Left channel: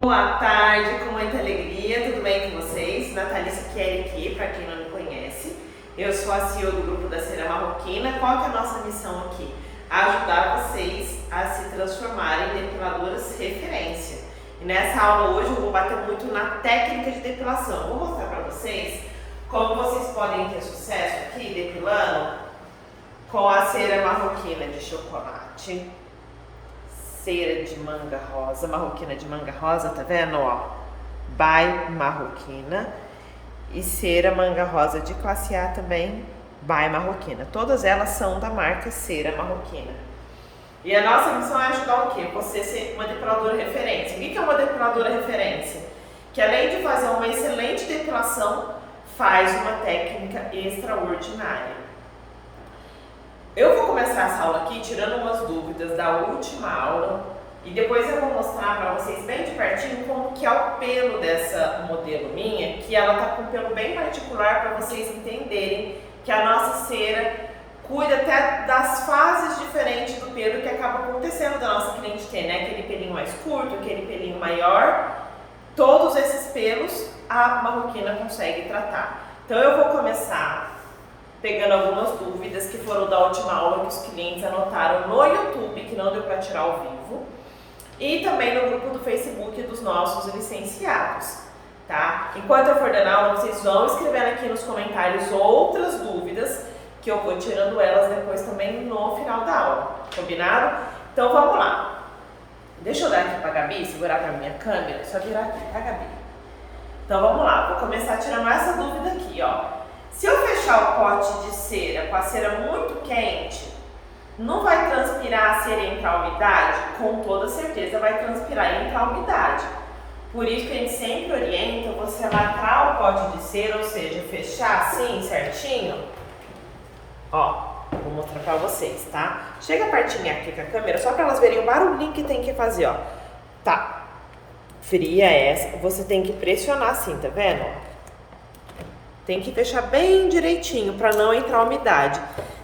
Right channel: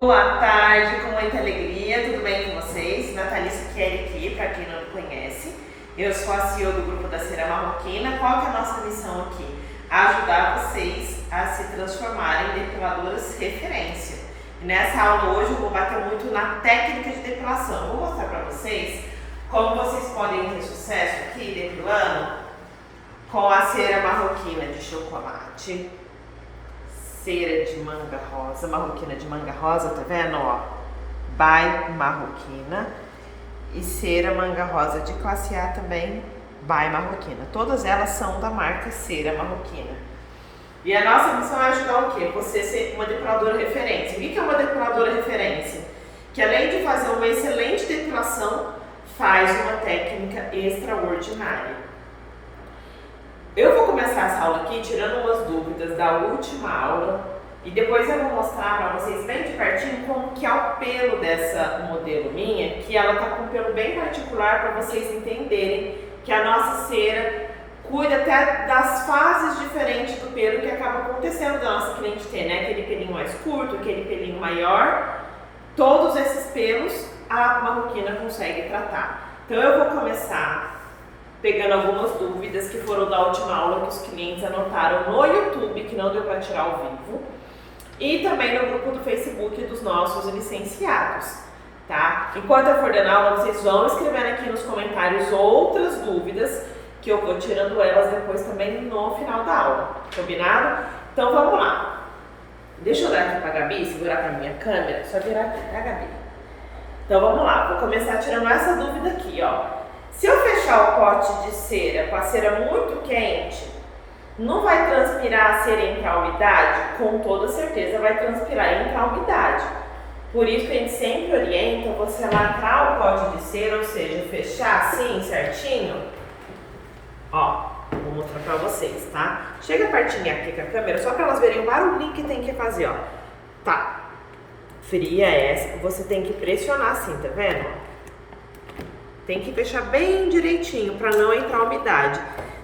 Boa tarde, com muita alegria, tudo bem com vocês? Natalice Kelly aqui, para quem não me conhece. Eu sou a CEO do grupo da Cera Marroquina. Qual que é a nossa missão aqui? Ajudar vocês a se transformarem em depiladoras referência. E nessa aula hoje eu vou bater muito na técnica de depilação. Vou mostrar para vocês como vocês podem ter sucesso aqui depilando com a cera marroquina de chocolate, cera de manga rosa, marroquina de manga rosa, tá vendo, ó? By Marroquina. E cera manga rosa de classe A também, by Marroquina. Todas elas são da marca Cera Marroquina. E a nossa missão é ajudar o quê? Você ser uma depiladora referência. O que é uma depiladora referência? Que além de fazer uma excelente depilação, faz uma técnica extraordinária. Eu vou começar essa aula aqui tirando umas dúvidas da última aula e depois eu vou mostrar para vocês bem de pertinho como que é o pelo dessa modelo minha, que ela tá com um pelo bem particular para vocês entenderem que a nossa cera cuida até das fases diferentes do pelo que acaba acontecendo da nossa cliente ter, né? Aquele pelinho mais curto, aquele pelinho maior, todos esses pelos a marroquina consegue tratar. Então eu vou começar pegando algumas dúvidas que foram da última aula que os clientes anotaram no YouTube, que não deu para tirar ao vivo, e também no grupo do Facebook dos nossos licenciados, tá? Enquanto eu for dando aula, vocês vão escrevendo aqui nos comentários outras dúvidas, que eu vou tirando elas depois também no final da aula, combinado? Então vamos lá. Deixa eu dar aqui para a Gabi, segurar para a minha câmera, só virar aqui, tá, Gabi? Então vamos lá, vou começar tirando essa dúvida aqui, ó. Se eu fechar o pote de cera com a cera muito quente, não vai transpirar a cera e entrar a umidade? Com toda certeza vai transpirar e entrar a umidade. Por isso que a gente sempre orienta você lacrar o pote de cera, ou seja, fechar assim certinho. Ó, vou mostrar pra vocês, tá? Chega pertinho aqui com a câmera, só pra elas verem o barulhinho que tem que fazer, ó. Tá, fria essa, você tem que pressionar assim, tá vendo? Tem que fechar bem direitinho para não entrar umidade.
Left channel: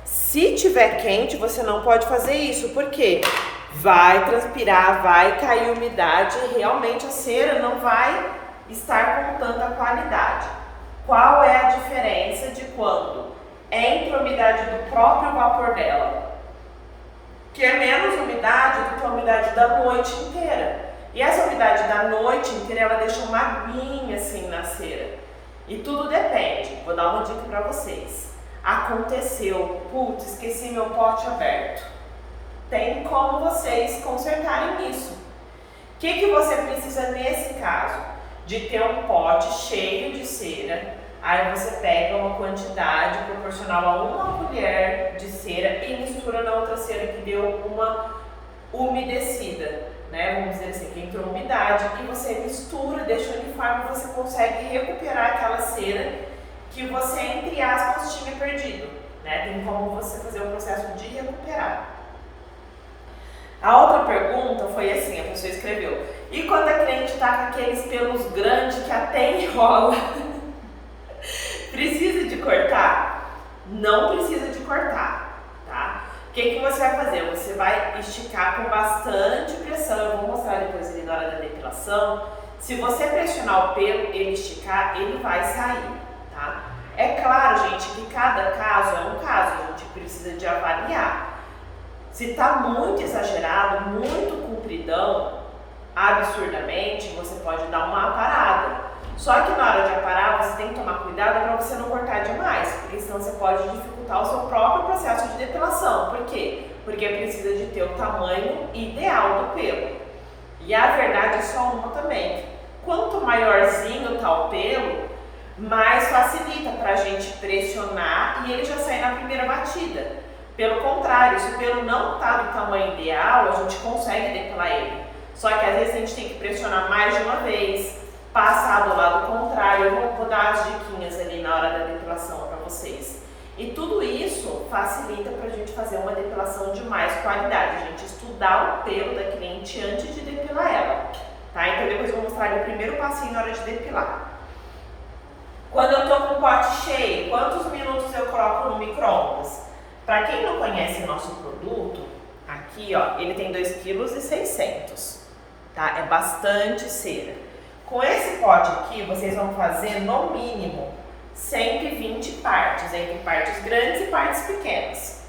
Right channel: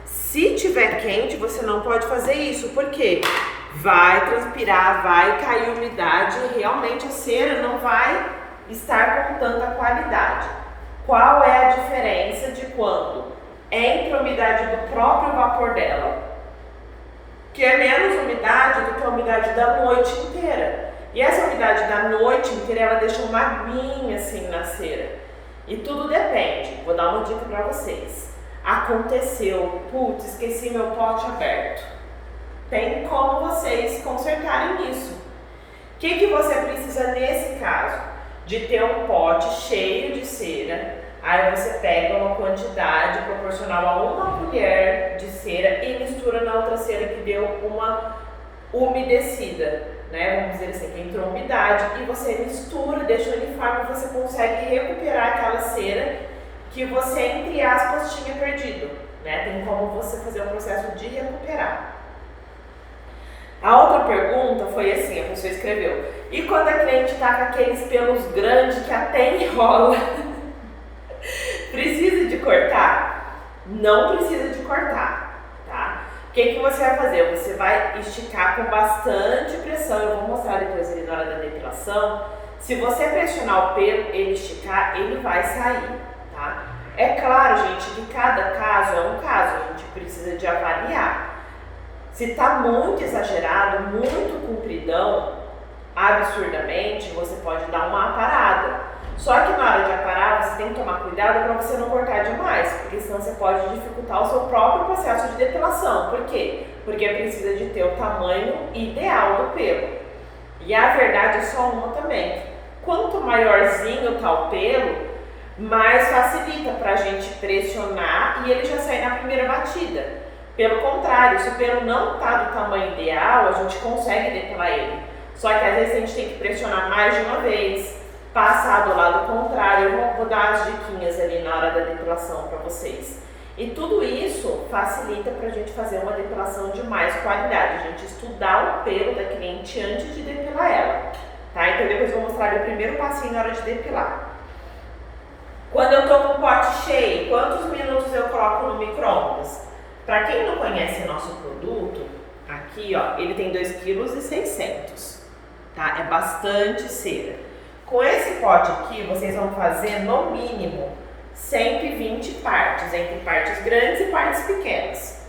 Se tiver quente, você não pode fazer isso, porque vai transpirar, vai cair umidade e realmente a cera não vai estar com tanta qualidade. Qual é a diferença de quando entra a umidade do próprio vapor dela? Que é menos umidade do que a umidade da noite inteira. E essa umidade da noite inteira, ela deixa uma aguinha assim na cera. E tudo depende. Vou dar uma dica para vocês. Aconteceu, putz, esqueci meu pote aberto. Tem como vocês consertarem isso. O que você precisa nesse caso? De ter um pote cheio de cera. Aí você pega uma quantidade proporcional a uma colher de cera e mistura na outra cera que deu uma umedecida. Né, vamos dizer assim, que entrou umidade, e você mistura, deixa uniforme e você consegue recuperar aquela cera que você, entre aspas, tinha perdido. Né? Tem como você fazer o processo de recuperar. A outra pergunta foi assim, a pessoa escreveu: e quando a cliente está com aqueles pelos grandes que até enrola? Precisa de cortar? Não precisa de cortar. O que você vai fazer? Você vai esticar com bastante pressão. Eu vou mostrar depois ele na hora da depilação. Se você pressionar o pelo, ele esticar, ele vai sair, tá? É claro, gente, que cada caso é um caso. A gente precisa de avaliar. Se tá muito exagerado, muito compridão, absurdamente, você pode dar uma aparada. Só que na hora de aparar, você tem que tomar cuidado para você não cortar demais, porque senão você pode dificultar o seu próprio processo de depilação. Por quê? Porque precisa de ter o tamanho ideal do pelo. E a verdade é só uma também. Quanto maiorzinho tá o pelo, mais facilita para a gente pressionar e ele já sair na primeira batida. Pelo contrário, se o pelo não tá do tamanho ideal, a gente consegue depilar ele. Só que às vezes a gente tem que pressionar mais de uma vez, passar do lado contrário. Eu vou dar as diquinhas ali na hora da depilação para vocês. E tudo isso facilita para a gente fazer uma depilação de mais qualidade, a gente estudar o pelo da cliente antes de depilar ela, tá? Então depois eu vou mostrar ali o primeiro passinho na hora de depilar. Quando eu tô com o pote cheio, quantos minutos eu coloco no micro-ondas? Para quem não conhece o nosso produto, aqui ó, ele tem 2,6 kg. tá? É bastante cera. Com esse pote aqui, vocês vão fazer no mínimo 120 partes, entre partes grandes e partes pequenas.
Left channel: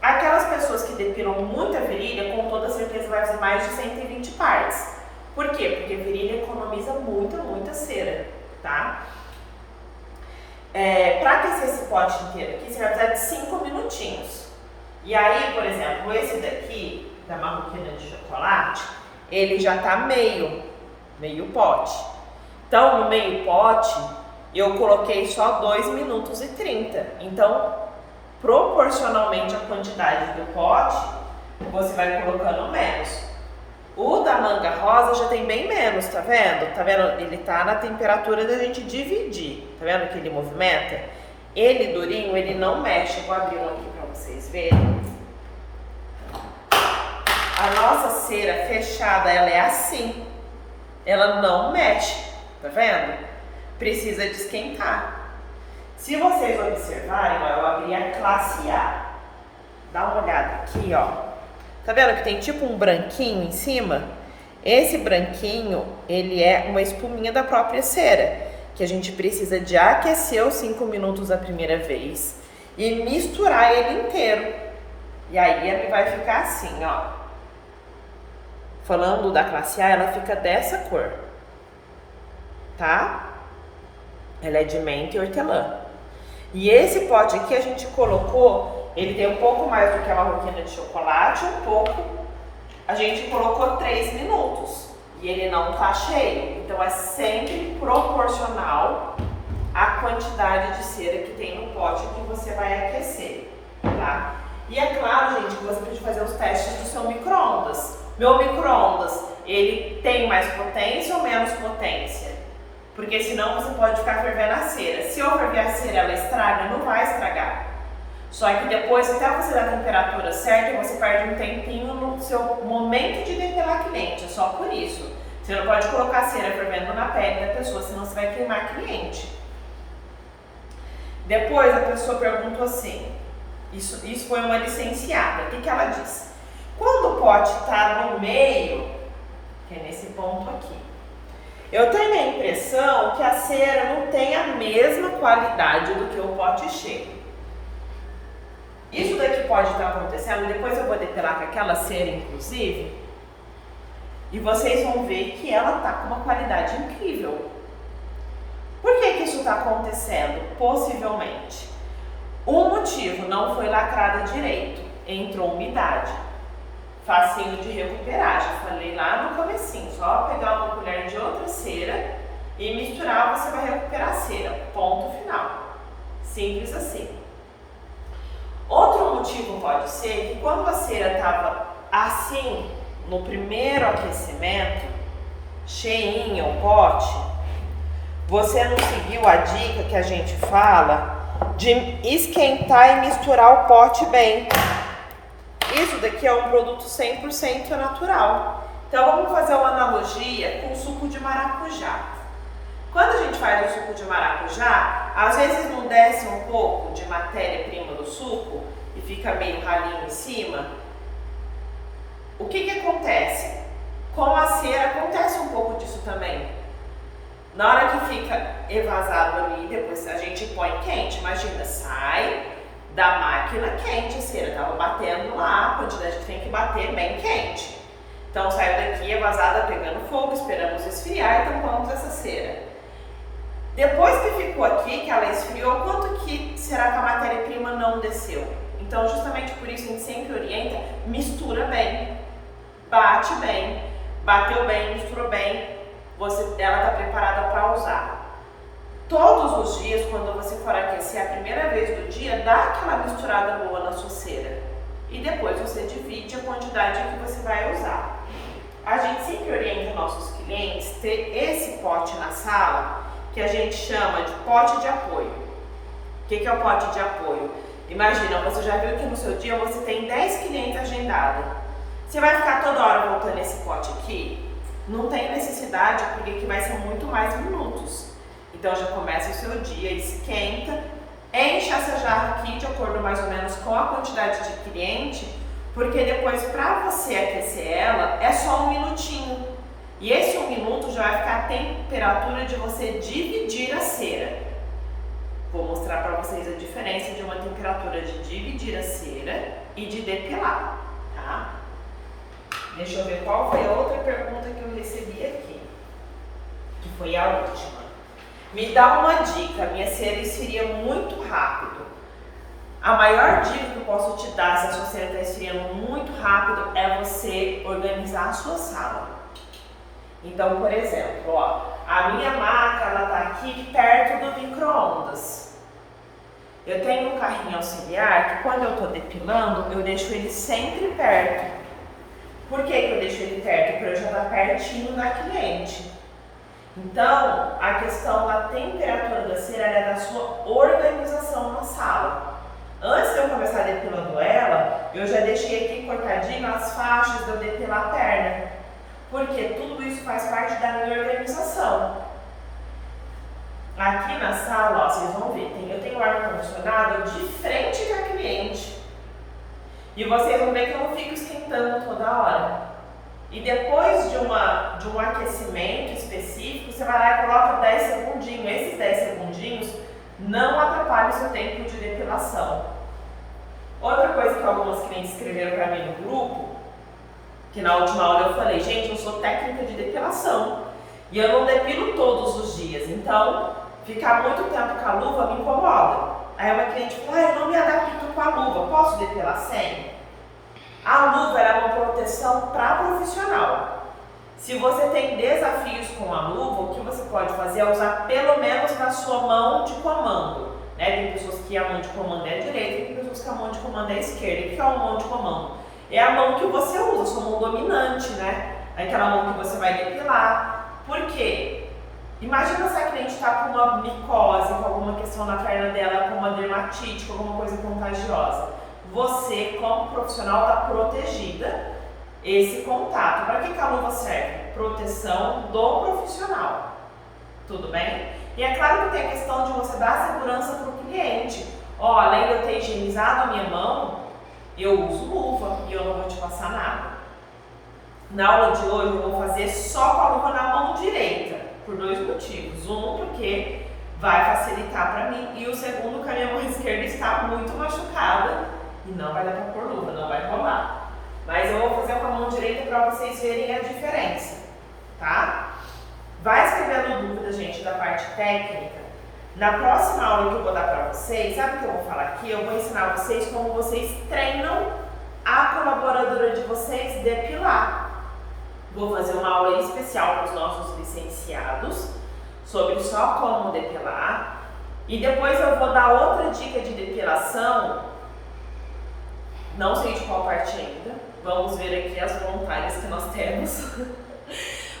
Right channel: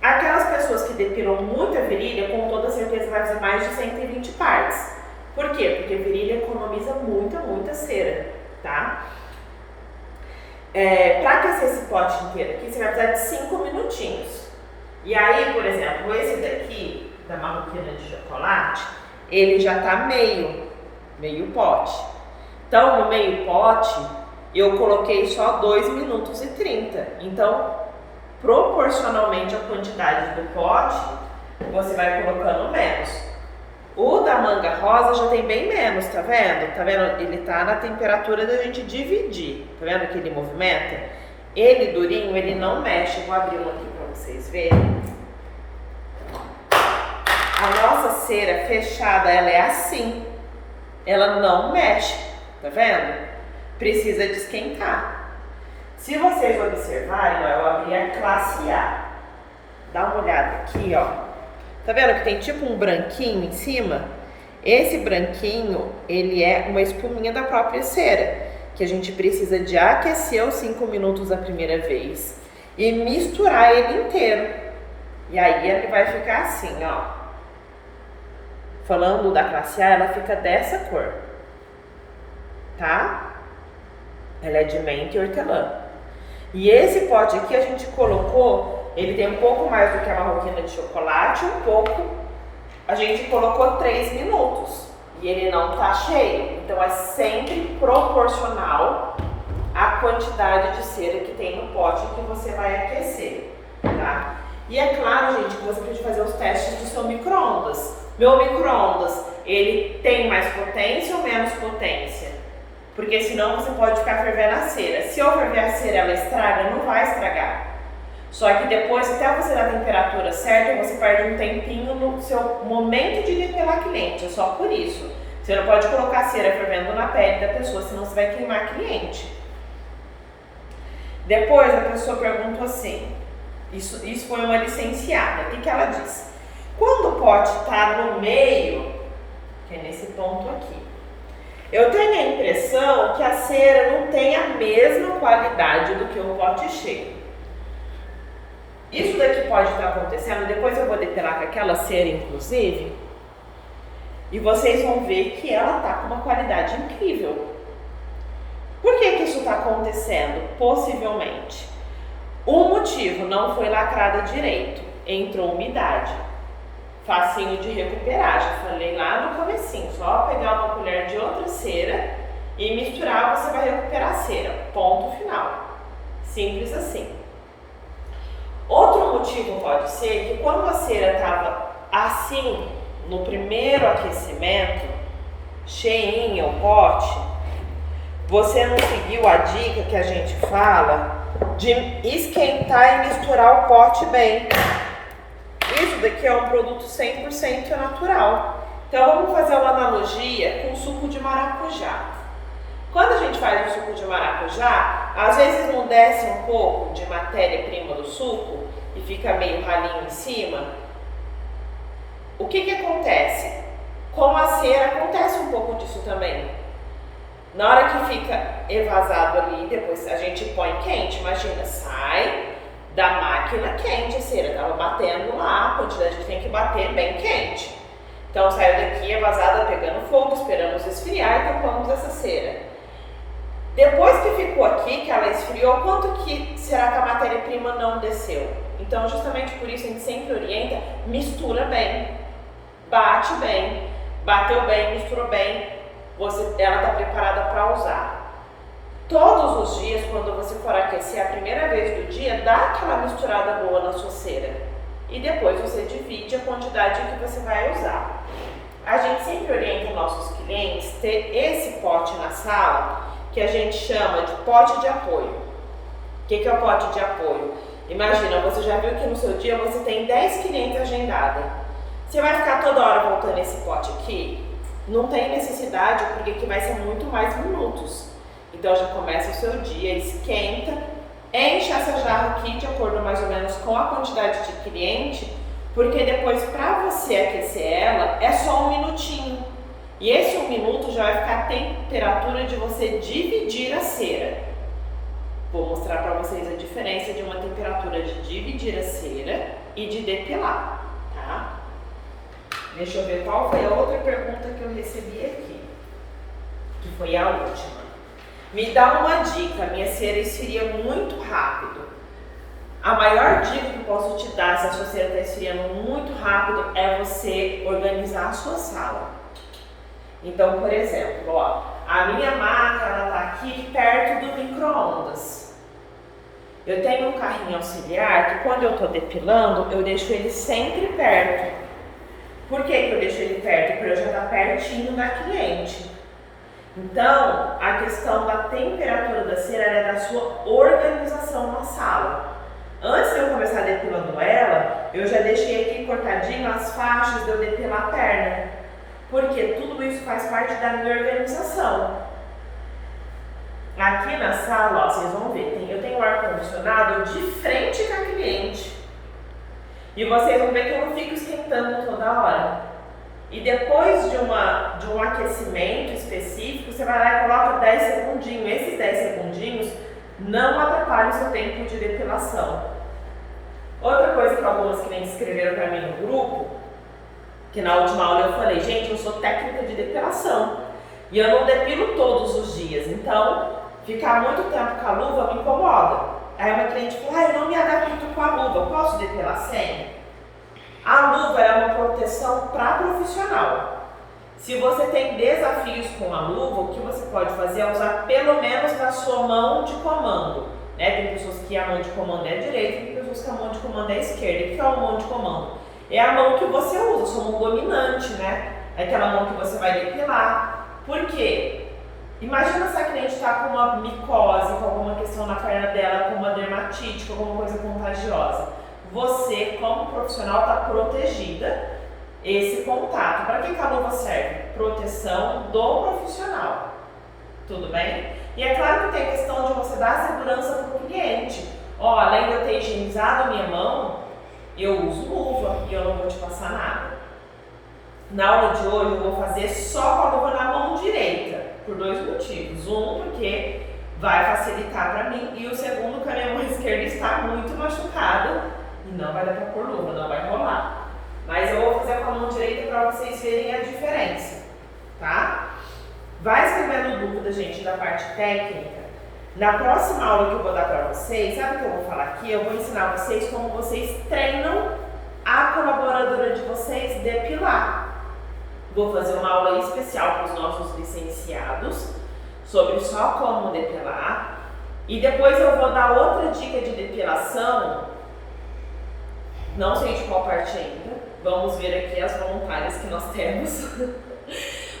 Aquelas pessoas que depilam muita virilha, com toda certeza vai fazer mais de 120 partes. Por quê? Porque virilha economiza muita cera, tá? Para aquecer esse pote inteiro aqui, você vai precisar de 5 minutinhos. E aí, por exemplo, esse daqui, da marroquina de chocolate, ele já tá meio pote. Então, no meio pote, eu coloquei só 2 minutos e 30. Então, proporcionalmente à quantidade do pote, você vai colocando menos. O da manga rosa já tem bem menos, tá vendo? Tá vendo? Ele tá na temperatura da gente dividir. Tá vendo que ele movimenta? Ele durinho, ele não mexe. Vou abrir um aqui pra vocês verem. A nossa cera fechada, ela é assim. Ela não mexe, tá vendo? Precisa de esquentar. Se vocês observarem, ó, eu abri a classe A. Dá uma olhada aqui, ó. Tá vendo que tem tipo um branquinho em cima? Esse branquinho, ele é uma espuminha da própria cera, que a gente precisa de aquecer os 5 minutos da primeira vez e misturar ele inteiro. E aí ele vai ficar assim, ó. Falando da classe A, ela fica dessa cor, tá? Ela é de menta e hortelã. E esse pote aqui a gente colocou, ele tem um pouco mais do que a marroquina de chocolate, a gente colocou 3 minutos e ele não tá cheio. Então é sempre proporcional à quantidade de cera que tem no pote que você vai aquecer, tá? E é claro, gente, que você precisa fazer os testes do seu micro-ondas. Meu micro-ondas, ele tem mais potência ou menos potência? Porque senão você pode ficar fervendo a cera. Se eu ferver a cera, ela estraga? Não vai estragar. Só que depois, até você dar a temperatura certa, você perde um tempinho no seu momento de depilar cliente. É só por isso. Você não pode colocar a cera fervendo na pele da pessoa, senão você vai queimar cliente. Depois a pessoa perguntou assim, isso foi uma licenciada, o que ela disse? Quando o pote está no meio, que é nesse ponto aqui, eu tenho a impressão que a cera não tem a mesma qualidade do que o pote cheio. Isso daqui pode estar acontecendo, depois eu vou depilar com aquela cera inclusive, e vocês vão ver que ela está com uma qualidade incrível. Por que isso está acontecendo? Possivelmente. Um motivo, não foi lacrada direito, entrou umidade. Facinho de recuperar, já falei lá no comecinho, só pegar uma colher de outra cera e misturar, você vai recuperar a cera, ponto final, simples assim. Outro motivo pode ser que quando a cera estava assim, no primeiro aquecimento, cheinha o pote, você não seguiu a dica que a gente fala de esquentar e misturar o pote bem. Isso daqui é um produto 100% natural. Então vamos fazer uma analogia com o suco de maracujá. Quando a gente faz o suco de maracujá, às vezes não desce um pouco de matéria-prima do suco e fica meio ralinho em cima. O que acontece? Com a cera acontece um pouco disso também. Na hora que fica evasado ali, depois a gente põe quente, imagina, sai da máquina quente a cera, tava batendo lá, a quantidade que tem que bater bem quente. Então saiu daqui evasada, pegando fogo, esperamos esfriar e tampamos essa cera. Depois que ficou aqui, que ela esfriou, quanto que será que a matéria-prima não desceu? Então justamente por isso a gente sempre orienta, mistura bem, bate bem, bateu bem, misturou bem, ela está preparada para usar. Todos os dias, quando você for aquecer a primeira vez do dia, dá aquela misturada boa na sua cera. E depois você divide a quantidade que você vai usar. A gente sempre orienta nossos clientes ter esse pote na sala, que a gente chama de pote de apoio. O que é o pote de apoio? Imagina, você já viu que no seu dia você tem 10 clientes agendados. Você vai ficar toda hora voltando esse pote aqui? Não tem necessidade, porque aqui vai ser muito mais minutos. Então já começa o seu dia, esquenta, enche essa jarra aqui de acordo mais ou menos com a quantidade de cliente, porque depois para você aquecer ela é só 1 minutinho. E esse 1 minuto já vai ficar a temperatura de você dividir a cera. Vou mostrar para vocês a diferença de uma temperatura de dividir a cera e de depilar, tá? Deixa eu ver qual foi a outra pergunta que eu recebi aqui, que foi a última. Me dá uma dica, minha cera esfria muito rápido. A maior dica que eu posso te dar se a sua cera está esfriando muito rápido é você organizar a sua sala. Então, por exemplo, ó, a minha maca ela tá aqui perto do micro-ondas. Eu tenho um carrinho auxiliar que quando eu tô depilando, eu deixo ele sempre perto. Por que eu deixo ele perto? Para eu já estar pertinho da cliente. Então, a questão da temperatura da cera é da sua organização na sala. Antes de eu começar depilando ela, eu já deixei aqui cortadinho as faixas de eu depilar a perna. Porque tudo isso faz parte da minha organização. Aqui na sala, ó, vocês vão ver, eu tenho o ar-condicionado de frente com a cliente. E vocês vão ver que eu não fico esquentando toda hora. E depois de um aquecimento específico, você vai lá e coloca 10 segundinhos. Esses 10 segundinhos não atrapalham o seu tempo de depilação. Outra coisa que algumas clientes escreveram para mim no grupo, que na última aula eu falei, gente, eu sou técnica de depilação e eu não depilo todos os dias, então ficar muito tempo com a luva me incomoda. Aí uma cliente falou, eu não me adapto com a luva, posso depilar sem? A luva é uma proteção para profissional. Se você tem desafios com a luva, o que você pode fazer é usar pelo menos na sua mão de comando. Né? Tem pessoas que a mão de comando é a direita, tem pessoas que a mão de comando é a esquerda. O que é uma mão de comando? É a mão que você usa, sua mão dominante, né? Aquela mão que você vai depilar. Por quê? Imagina se a cliente está com uma micose, com alguma questão na perna dela, com uma dermatite, com alguma coisa contagiosa. Você, como profissional, está protegida esse contato. Para que a luva serve? Proteção do profissional. Tudo bem? E é claro que tem a questão de você dar segurança para o cliente. Ó, além de eu ter higienizado a minha mão, eu uso luva e eu não vou te passar nada. Na aula de hoje eu vou fazer só com a luva na mão direita, por 2 motivos. Um, porque vai facilitar para mim, e o segundo, que a minha mão esquerda está muito machucada e não vai dar para pôr luva, não vai rolar. Mas eu vou fazer com a mão direita para vocês verem a diferença, tá? Vai escrevendo dúvida, gente, da parte técnica. Na próxima aula que eu vou dar para vocês, sabe o que eu vou falar aqui? Eu vou ensinar vocês como vocês treinam a colaboradora de vocês depilar. Vou fazer uma aula especial para os nossos licenciados sobre só como depilar. E depois eu vou dar outra dica de depilação, não sei de qual parte ainda. Vamos ver aqui as voluntárias que nós temos,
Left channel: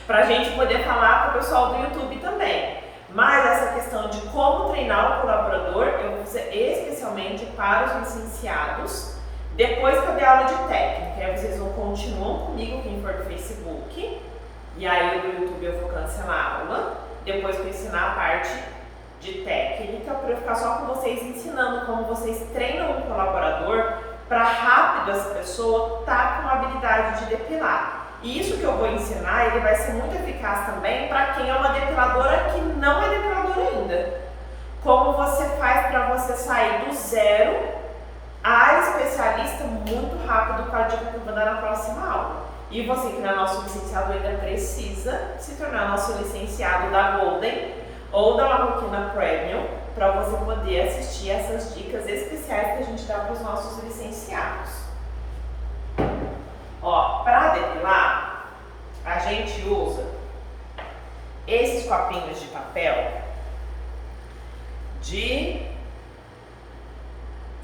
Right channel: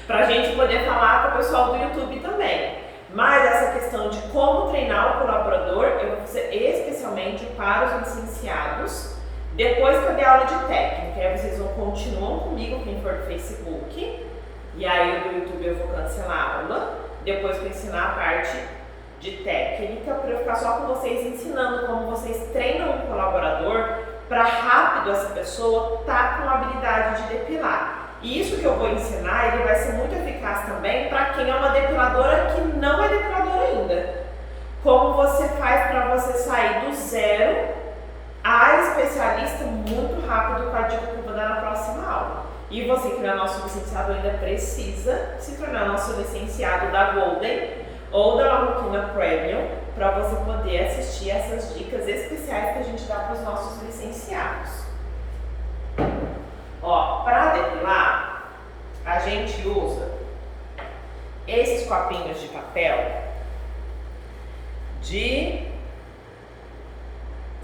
para a gente poder falar com o pessoal do YouTube também. Mas essa questão de como treinar o colaborador, eu vou fazer especialmente para os licenciados, depois que eu der aula de técnica. Aí vocês continuam comigo, quem for do Facebook, e aí do YouTube eu vou cancelar a aula, depois que eu ensinar a parte de técnica, para eu ficar só com vocês ensinando como vocês treinam o colaborador, para rápido essa pessoa estar com a habilidade de depilar. E isso que eu vou ensinar, ele vai ser muito eficaz também para quem é uma depiladora que não é depiladora ainda. Como você faz para você sair do zero a especialista muito rápido, com a dica que eu vou dar na próxima aula. E você que não é nosso licenciado ainda precisa se tornar nosso licenciado da Golden ou da Marroquina Premium, para você poder assistir essas dicas especiais que a gente dá para os nossos licenciados. Ó, para depilar, a gente usa esses copinhos de papel de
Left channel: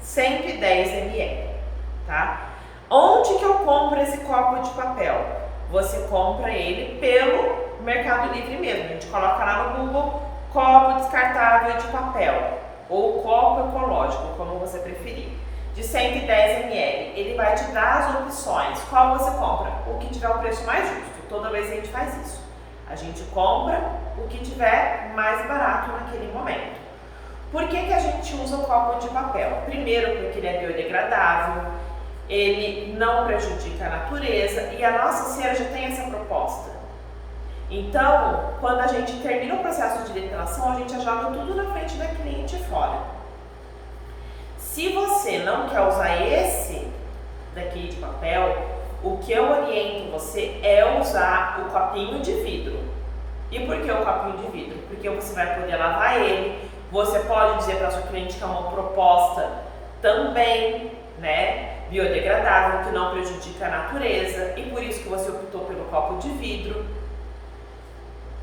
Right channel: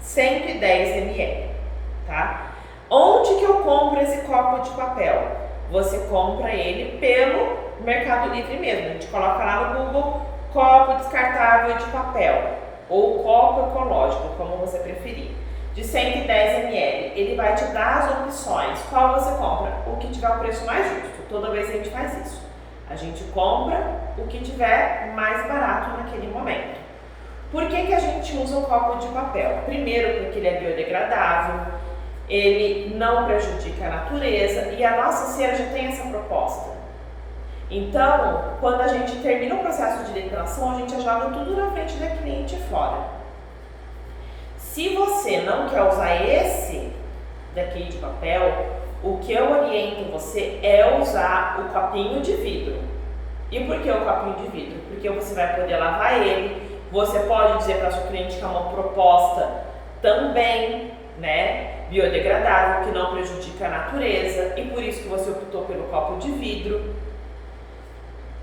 110 ml, tá? Onde que eu compro esse copo de papel? Você compra ele pelo Mercado Livre mesmo. A gente coloca lá no Google, copo descartável de papel ou copo ecológico, como você preferir. De 110 ml, ele vai te dar as opções. Qual você compra? O que tiver o preço mais justo. Toda vez a gente faz isso. A gente compra o que tiver mais barato naquele momento. Por que a gente usa o copo de papel? Primeiro, porque ele é biodegradável, ele não prejudica a natureza e a nossa cera já tem essa proposta. Então, quando a gente termina o processo de depilação, a gente já joga tudo na frente da cliente fora. Se você não quer usar esse daqui de papel, o que eu oriento você é usar o copinho de vidro. E por que o copinho de vidro? Porque você vai poder lavar ele, você pode dizer para sua cliente que é uma proposta também, né, biodegradável, que não prejudica a natureza, e por isso que você optou pelo copo de vidro.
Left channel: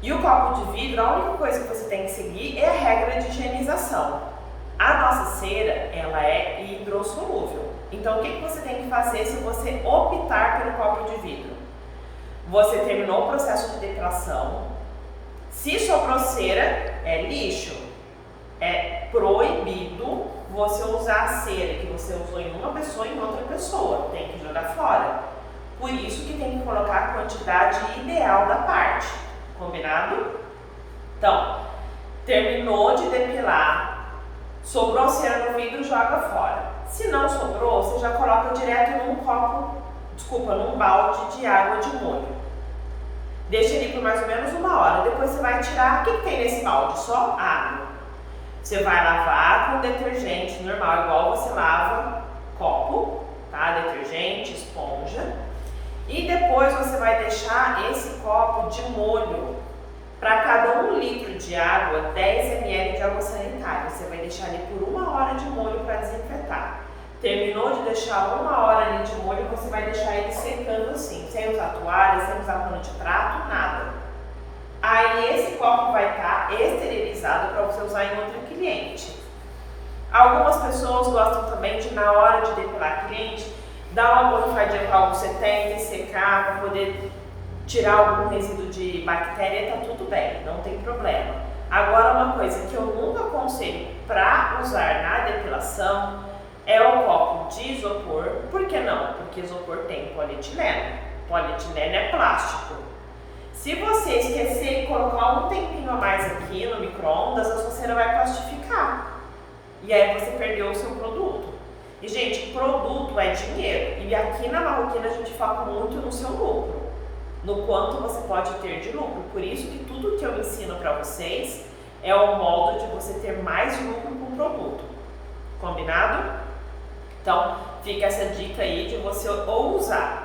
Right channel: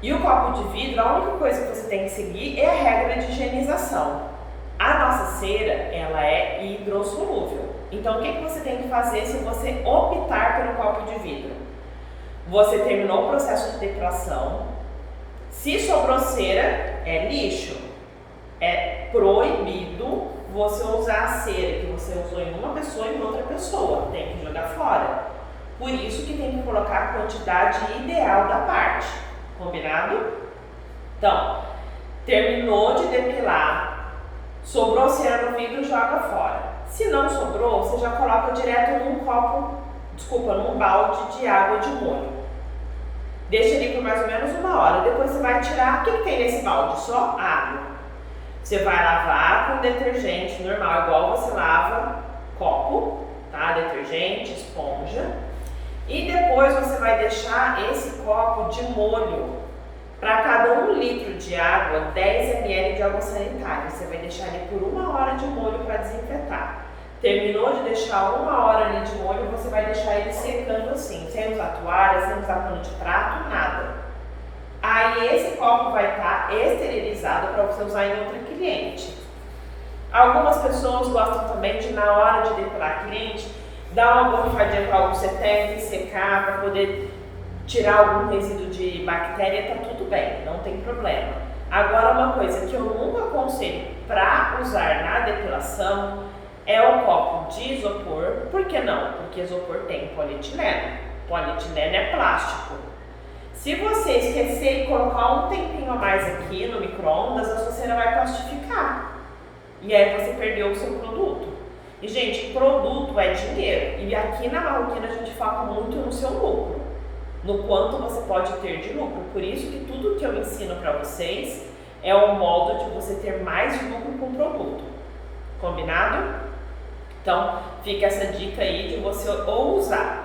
E o copo de vidro, a única coisa que você tem que seguir é a regra de higienização. A nossa cera, ela é hidrossolúvel. Então, o que você tem que fazer se você optar pelo copo de vidro? Você terminou o processo de depilação. Se sobrou cera, é lixo. É proibido você usar a cera que você usou em uma pessoa e em outra pessoa. Tem que jogar fora. Por isso que tem que colocar a quantidade ideal da parte. Combinado? Então, terminou de depilar, sobrou cera no vidro, joga fora. Se não sobrou, você já coloca direto num balde de água de molho. Deixa ali por mais ou menos 1 hora. Depois você vai tirar. O que tem nesse balde? Só água. Você vai lavar com detergente normal, igual você lava copo, tá? Detergente, esponja. E depois você vai deixar esse copo de molho. Para cada 1 litro de água, 10 ml de água sanitária. Você vai deixar ali por 1 hora de molho para desinfetar. Terminou de deixar 1 hora ali de molho, você vai deixar ele secando assim, sem usar toalha, sem usar pano de prato, nada. Aí esse copo vai estar esterilizado para você usar em outra cliente. Algumas pessoas gostam também de, na hora de depilar a cliente, dar uma borrifadinha com álcool 70 e secar para poder tirar algum resíduo de bactéria, tá tudo bem, não tem problema. Agora, uma coisa que eu nunca aconselho para usar na depilação é o copo de isopor. Por que não? Porque isopor tem polietileno. Polietileno é plástico. Se você esquecer e colocar um tempinho a mais aqui no micro-ondas, a sua cera vai plastificar. E aí você perdeu o seu produto. E, gente, produto é dinheiro. E aqui na Marroquina a gente foca muito no seu lucro, no quanto você pode ter de lucro. Por isso que tudo que eu ensino para vocês é o modo de você ter mais lucro com o produto. Combinado? Então, fica essa dica aí de você ou usar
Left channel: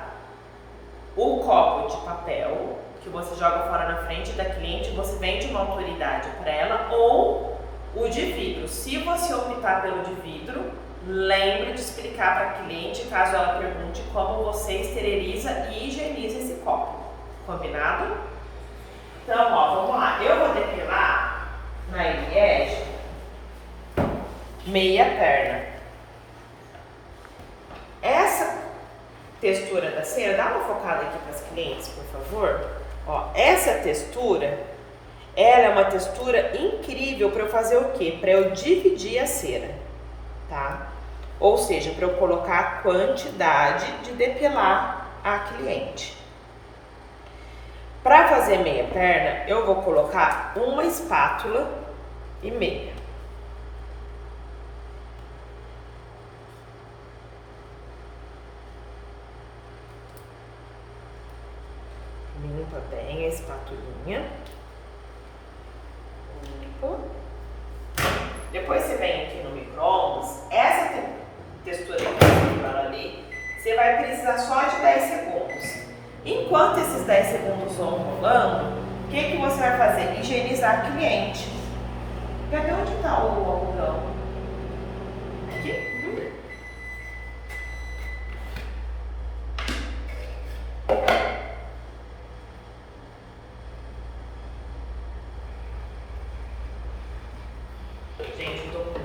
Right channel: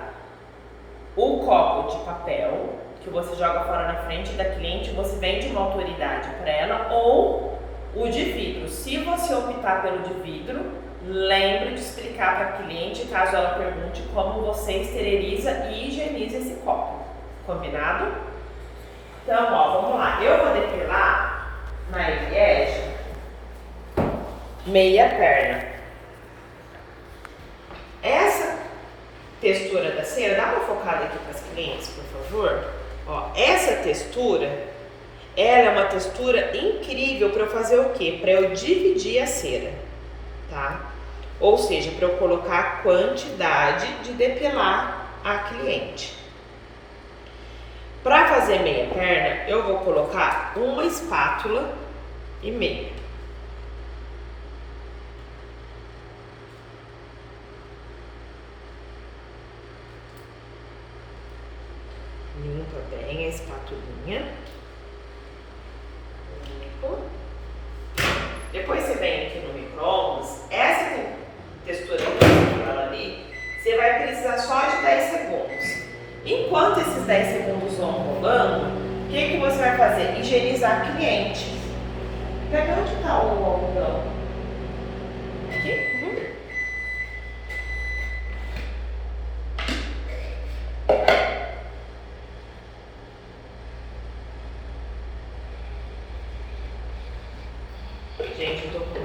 o copo de papel, que você joga fora na frente da cliente, você vende uma autoridade para ela, ou o de vidro. Se você optar pelo de vidro, lembre de explicar para a cliente, caso ela pergunte, como você esteriliza e higieniza esse copo. Combinado? Então, ó, vamos lá. Eu vou depilar na Eliege meia perna. Essa textura da cera, dá uma focada aqui para as clientes, por favor. Ó, essa textura, ela é uma textura incrível para eu fazer o quê? Para eu dividir a cera, tá? Ou seja, para eu colocar a quantidade de depilar a cliente. Para fazer meia perna, eu vou colocar 1 espátula e meia. Limpa bem a espatulinha. Limpo. Depois você vem aqui no micro-ondas. Essa textura que você viu ali, você vai precisar só de 10 segundos. Enquanto esses 10 segundos vão rolando, o que você vai fazer? Higienizar a cliente. Cadê onde está o algodão? Aqui? Gente, eu tô com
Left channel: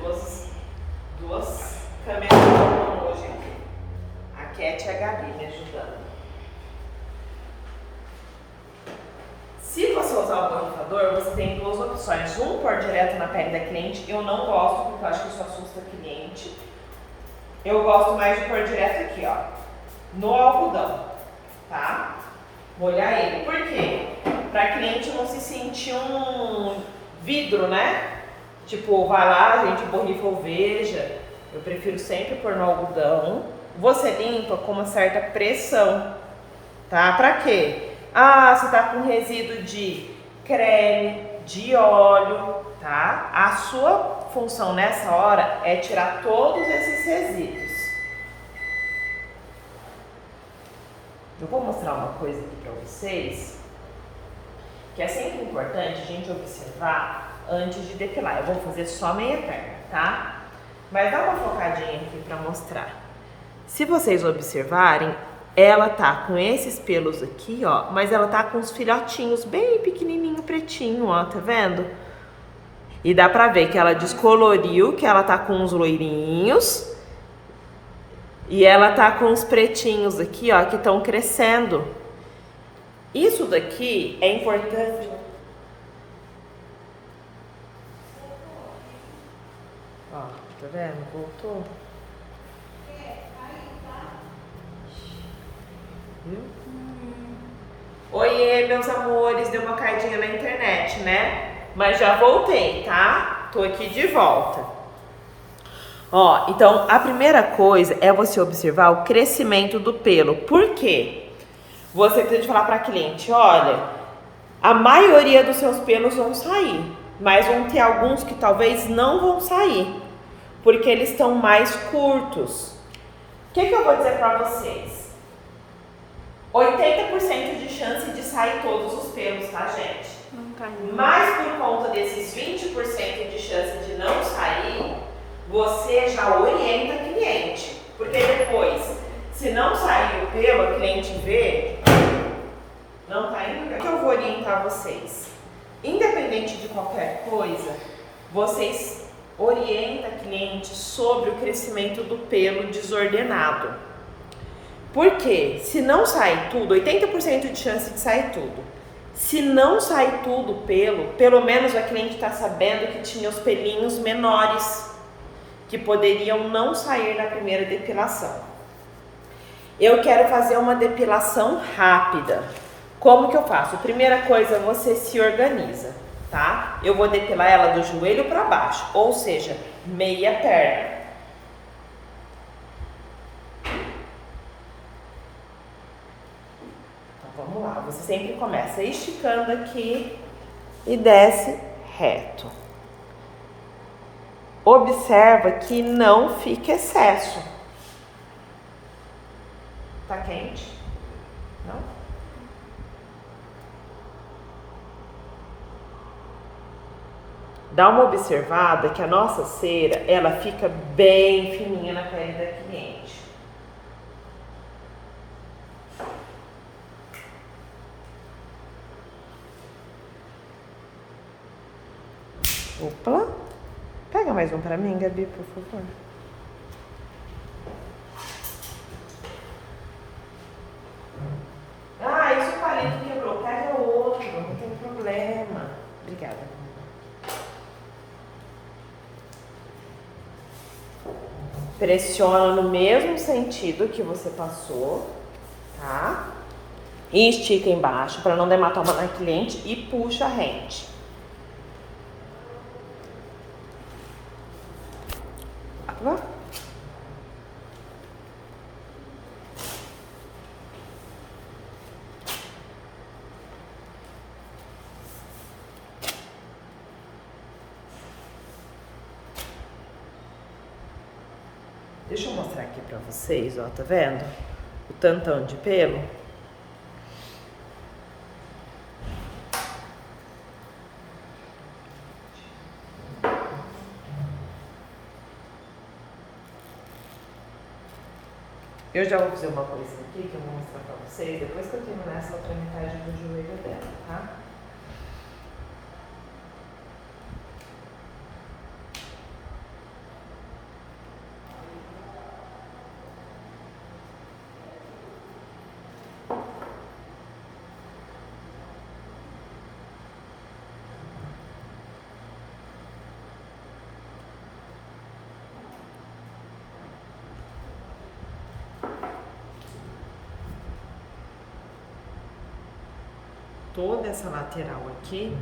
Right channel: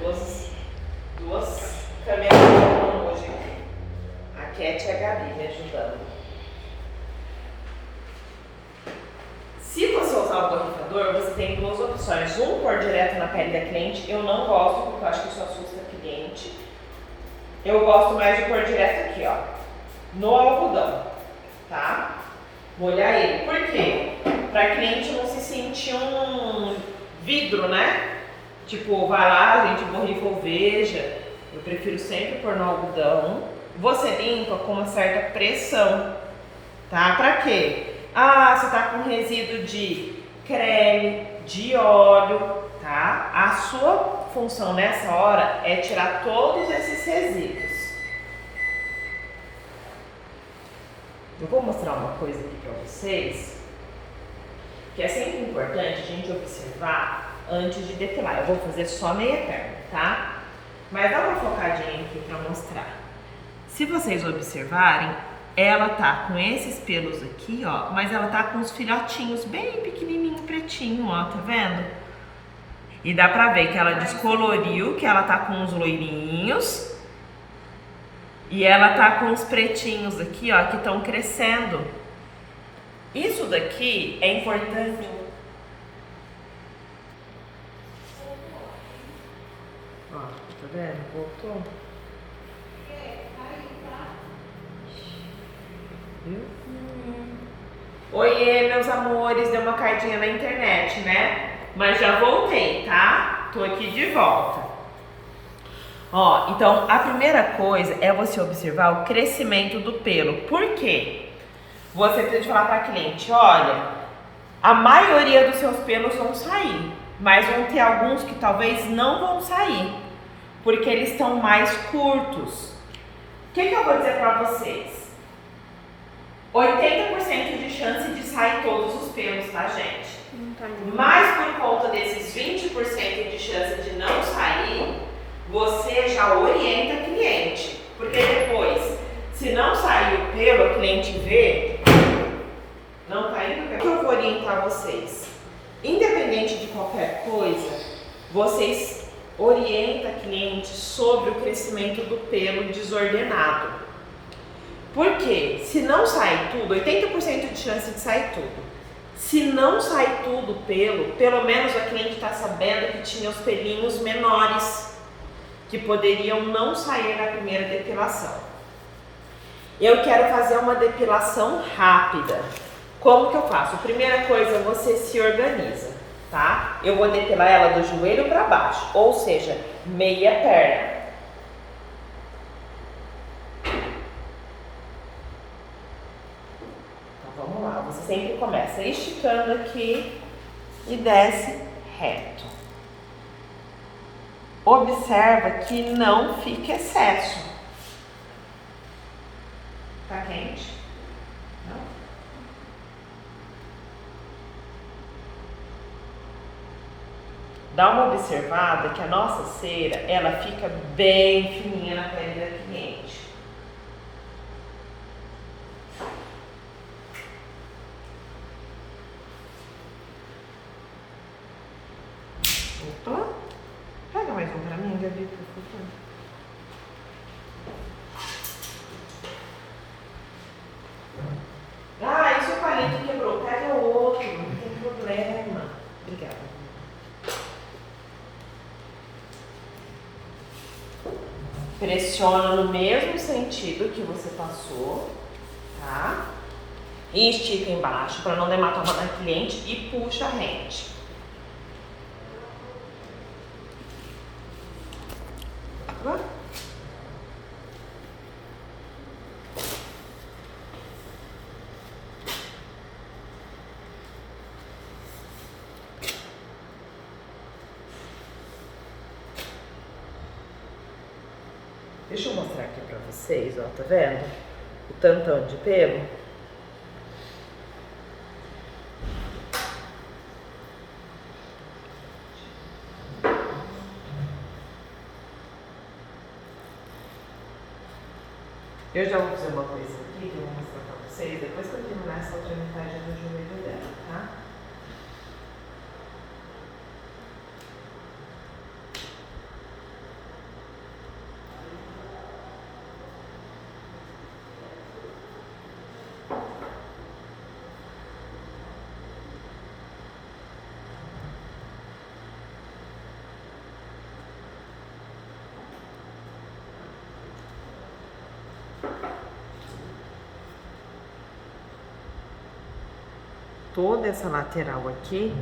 duas câmeras hoje. A Cat e a Gabi me ajudando. Se você usar o borrifador, você tem 2 opções. Um, pôr direto na pele da cliente. Eu não gosto, porque eu acho que isso assusta a cliente. Eu gosto mais de pôr direto aqui, ó, no algodão, tá? Molhar ele. Por quê? Pra cliente não se sentir um vidro, né? Tipo, vai lá, a gente borrifa ou veja. Eu prefiro sempre pôr no algodão. Você limpa com uma certa pressão, tá? Pra quê? Ah, você tá com resíduo de creme, de óleo, tá? A sua função nessa hora é tirar todos esses resíduos. Eu vou mostrar uma coisa aqui pra vocês, que é sempre importante a gente observar antes de depilar. Eu vou fazer só meia perna, tá? Mas dá uma focadinha aqui pra mostrar. Se vocês observarem, ela tá com esses pelos aqui, ó, mas ela tá com os filhotinhos bem pequenininho, pretinho, ó, tá vendo? E dá pra ver que ela descoloriu, que ela tá com uns loirinhos. E ela tá com os pretinhos aqui, ó, que estão crescendo. Isso daqui é importante. Ó, tá vendo? Voltou. Oiê, meus amores, deu uma caidinha na internet, né? Mas já voltei, tá? Tô aqui de volta. Ó, então a primeira coisa é você observar o crescimento do pelo. Por quê? Você precisa falar para a cliente, olha, a maioria dos seus pelos vão sair, mas vão ter alguns que talvez não vão sair, porque eles estão mais curtos. O que eu vou dizer para vocês? 80% de chance de sair todos os pelos, tá, gente? Mas por conta desses 20% de chance de não sair, você já orienta a cliente. Porque depois, se não sair o pelo, a cliente vê, não tá indo, o que eu vou orientar vocês? Independente de qualquer coisa, vocês orientam a cliente sobre o crescimento do pelo desordenado. Porque se não sai tudo, 80% de chance de sair tudo. Se não sai tudo pelo menos a cliente está sabendo que tinha os pelinhos menores, que poderiam não sair na primeira depilação. Eu quero fazer uma depilação rápida. Como que eu faço? Primeira coisa, você se organiza, tá? Eu vou depilar ela do joelho para baixo, ou seja, meia perna. Vamos lá, você sempre começa esticando aqui e desce reto. Observa que não fique excesso. Tá quente? Não? Dá uma observada que a nossa cera, ela fica bem fininha na pele da cliente. Opa! Pega mais um pra mim, Gabi, por favor. Ah, esse palito quebrou. Pega outro, não tem problema. Obrigada. Pressiona no mesmo sentido que você passou, tá? E estica embaixo para não dar hematoma na cliente e puxa a rente. Deixa eu mostrar aqui pra vocês, ó, tá vendo? O tantão de pelo. Eu já vou fazer uma coisa aqui que eu vou mostrar pra vocês, depois que eu terminar essa outra metade do joelho dela, tá? Toda essa lateral aqui,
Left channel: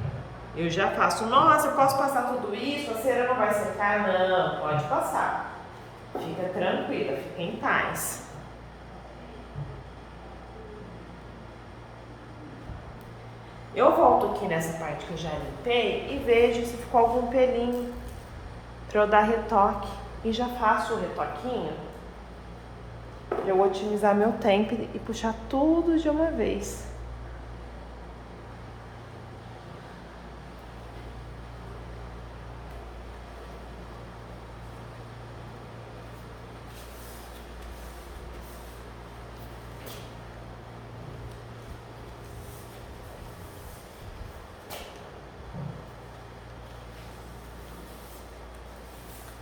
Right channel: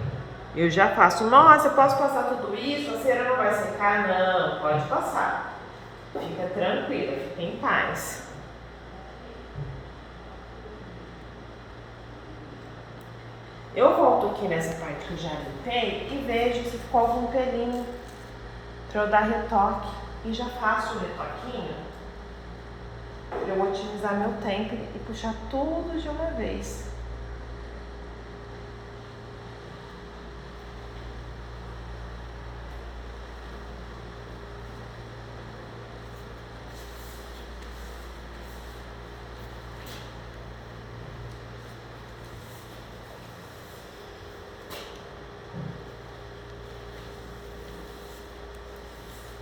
eu já faço. Nossa, eu posso passar tudo isso? A cera não vai secar? Não, pode passar. Fica tranquila, fica em paz. Eu volto aqui nessa parte que eu já limpei e vejo se ficou algum pelinho para eu dar retoque. E já faço o retoquinho para eu otimizar meu tempo e puxar tudo de uma vez.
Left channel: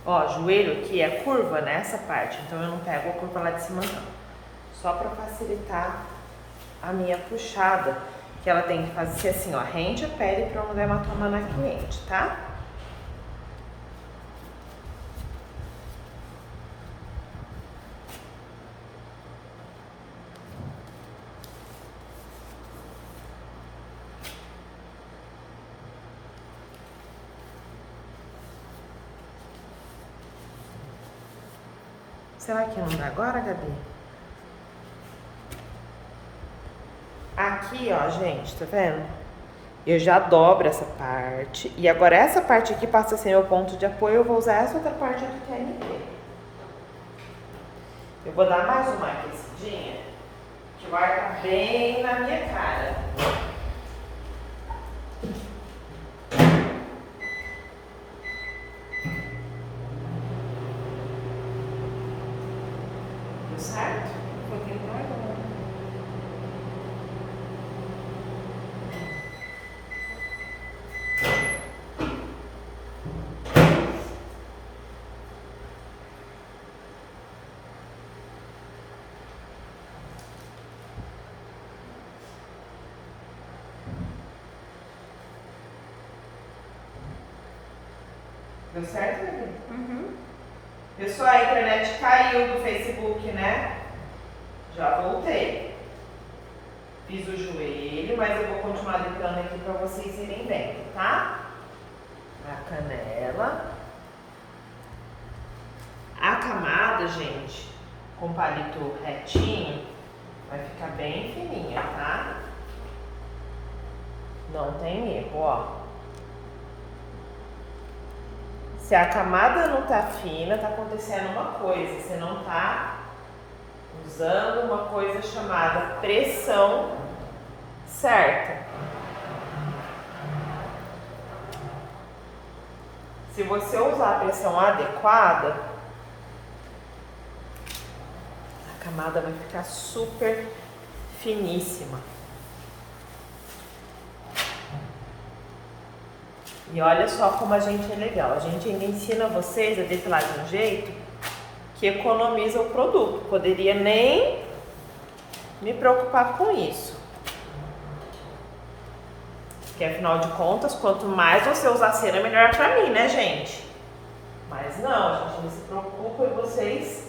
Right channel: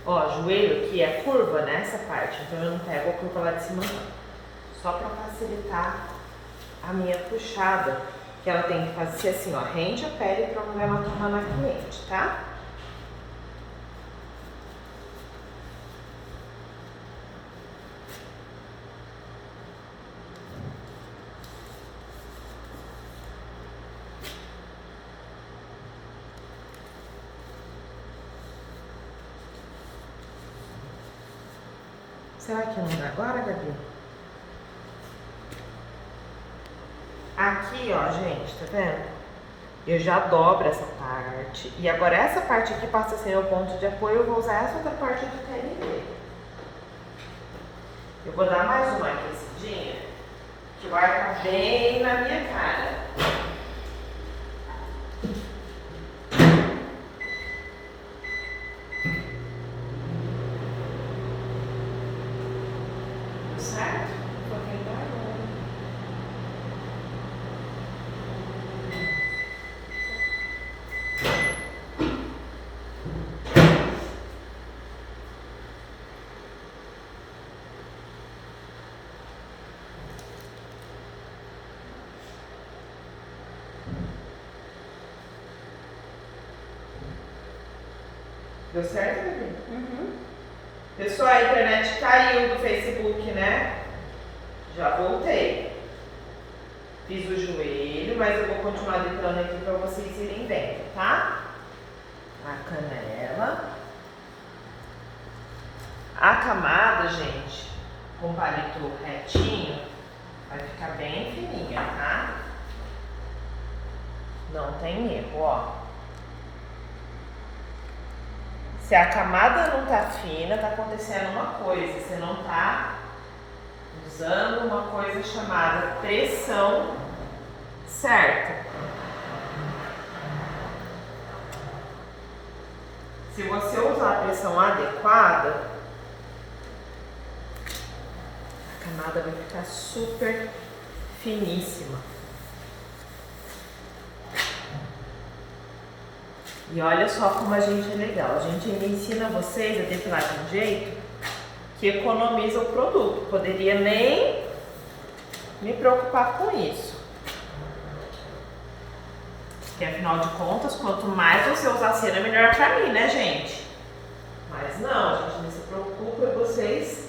Ó, joelho aqui é curva nessa parte, então eu não pego a curva lá de cima não. Só para facilitar a minha puxada, que ela tem que fazer assim, ó, rende a pele para não dar uma toma na cliente, tá? Será que não dá agora, Gabi? Aqui, ó, gente, tá vendo? Eu já dobro essa parte. E agora essa parte aqui passa a ser meu ponto de apoio. Eu vou usar essa outra parte de TNT. Eu vou dar mais uma aquecidinha, que vai ficar bem na minha cara. Certo? Vou tentar agora. Deu certo, bebê? Uhum. Pessoal, a internet caiu do Facebook, né? Já voltei. Fiz o joelho, mas eu vou continuar limpando aqui para vocês irem vendo, tá? A canela. A camada, gente, com palito retinho, vai ficar bem fininha, tá? Não tem erro, ó. Se a camada não tá fina, tá acontecendo uma coisa. Você não tá usando uma coisa chamada pressão certa. Se você usar a pressão adequada, a camada vai ficar super finíssima. E olha só como a gente é legal. A gente ainda ensina vocês a depilar de um jeito que economiza o produto. Poderia nem me preocupar com isso. Porque afinal de contas, quanto mais você usar cera, melhor pra mim, né, gente? Mas não, a gente não se preocupa em vocês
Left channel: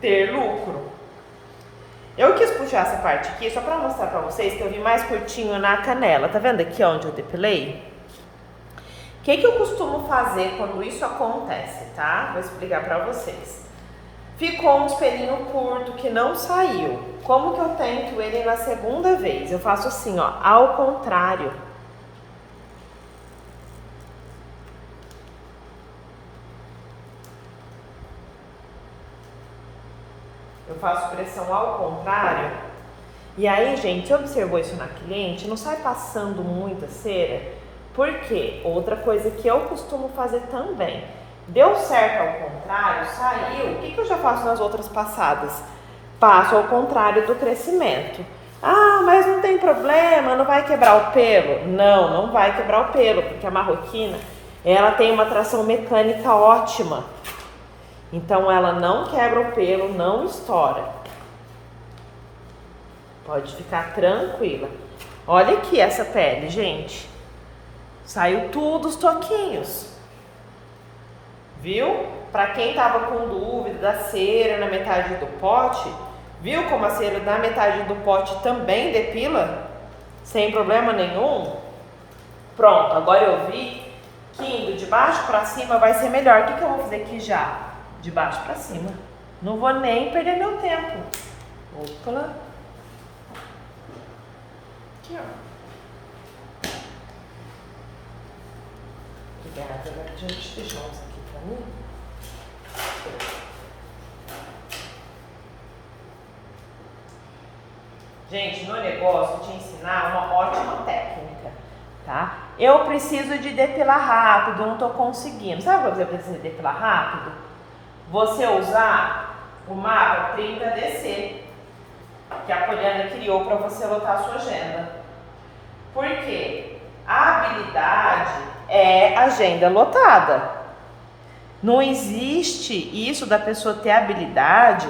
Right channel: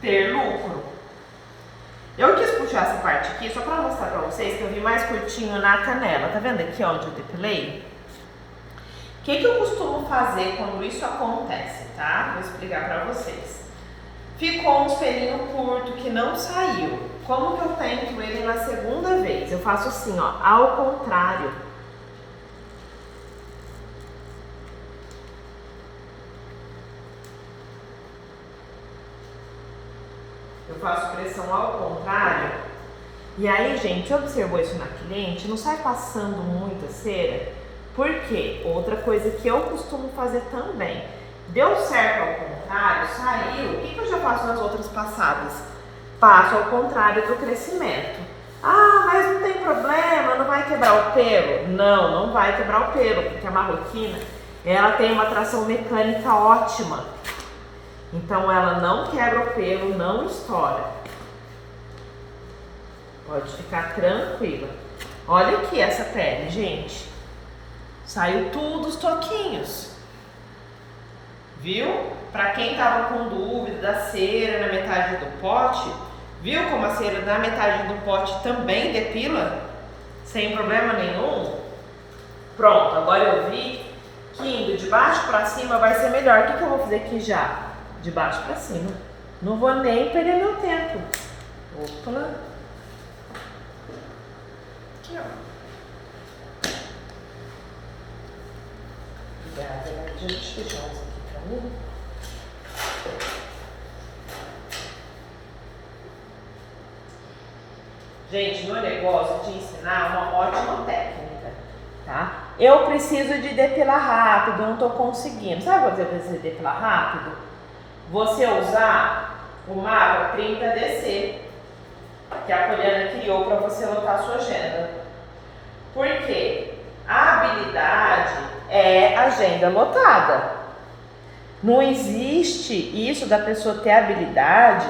ter lucro. Eu quis puxar essa parte aqui só pra mostrar pra vocês que eu vim mais curtinho na canela. Tá vendo aqui onde eu depilei? O que eu costumo fazer quando isso acontece, tá? Vou explicar pra vocês. Ficou um pelinho curto que não saiu. Como que eu tento ele na segunda vez? Eu faço assim, ó, ao contrário. Eu faço pressão ao contrário. E aí, gente, observou isso na cliente? Não sai passando muita cera? Por quê? Outra coisa que eu costumo fazer também. Deu certo ao contrário, saiu. O que eu já faço nas outras passadas? Passo ao contrário do crescimento. Ah, mas não tem problema, não vai quebrar o pelo? Não, não vai quebrar o pelo, porque a marroquina, ela tem uma tração mecânica ótima. Então ela não quebra o pelo, não estoura. Pode ficar tranquila. Olha aqui essa pele, gente. Saiu tudo os toquinhos. Viu? Para quem tava com dúvida da cera na metade do pote, viu como a cera na metade do pote também depila? Sem problema nenhum? Pronto, agora eu vi que indo de baixo para cima vai ser melhor. O que eu vou fazer aqui já? De baixo para cima. Não vou nem perder meu tempo. Opa. Aqui, ó. Deixa eu deixar uns aqui pra mim. Gente, meu negócio é te ensinar uma ótima técnica, tá? Eu preciso de depilar rápido, não tô conseguindo. Sabe quando você precisa depilar rápido? Você usar o mapa 30DC, que a Poliana criou para você lotar a sua agenda. Por quê? A habilidade é agenda lotada. Não existe isso da pessoa ter habilidade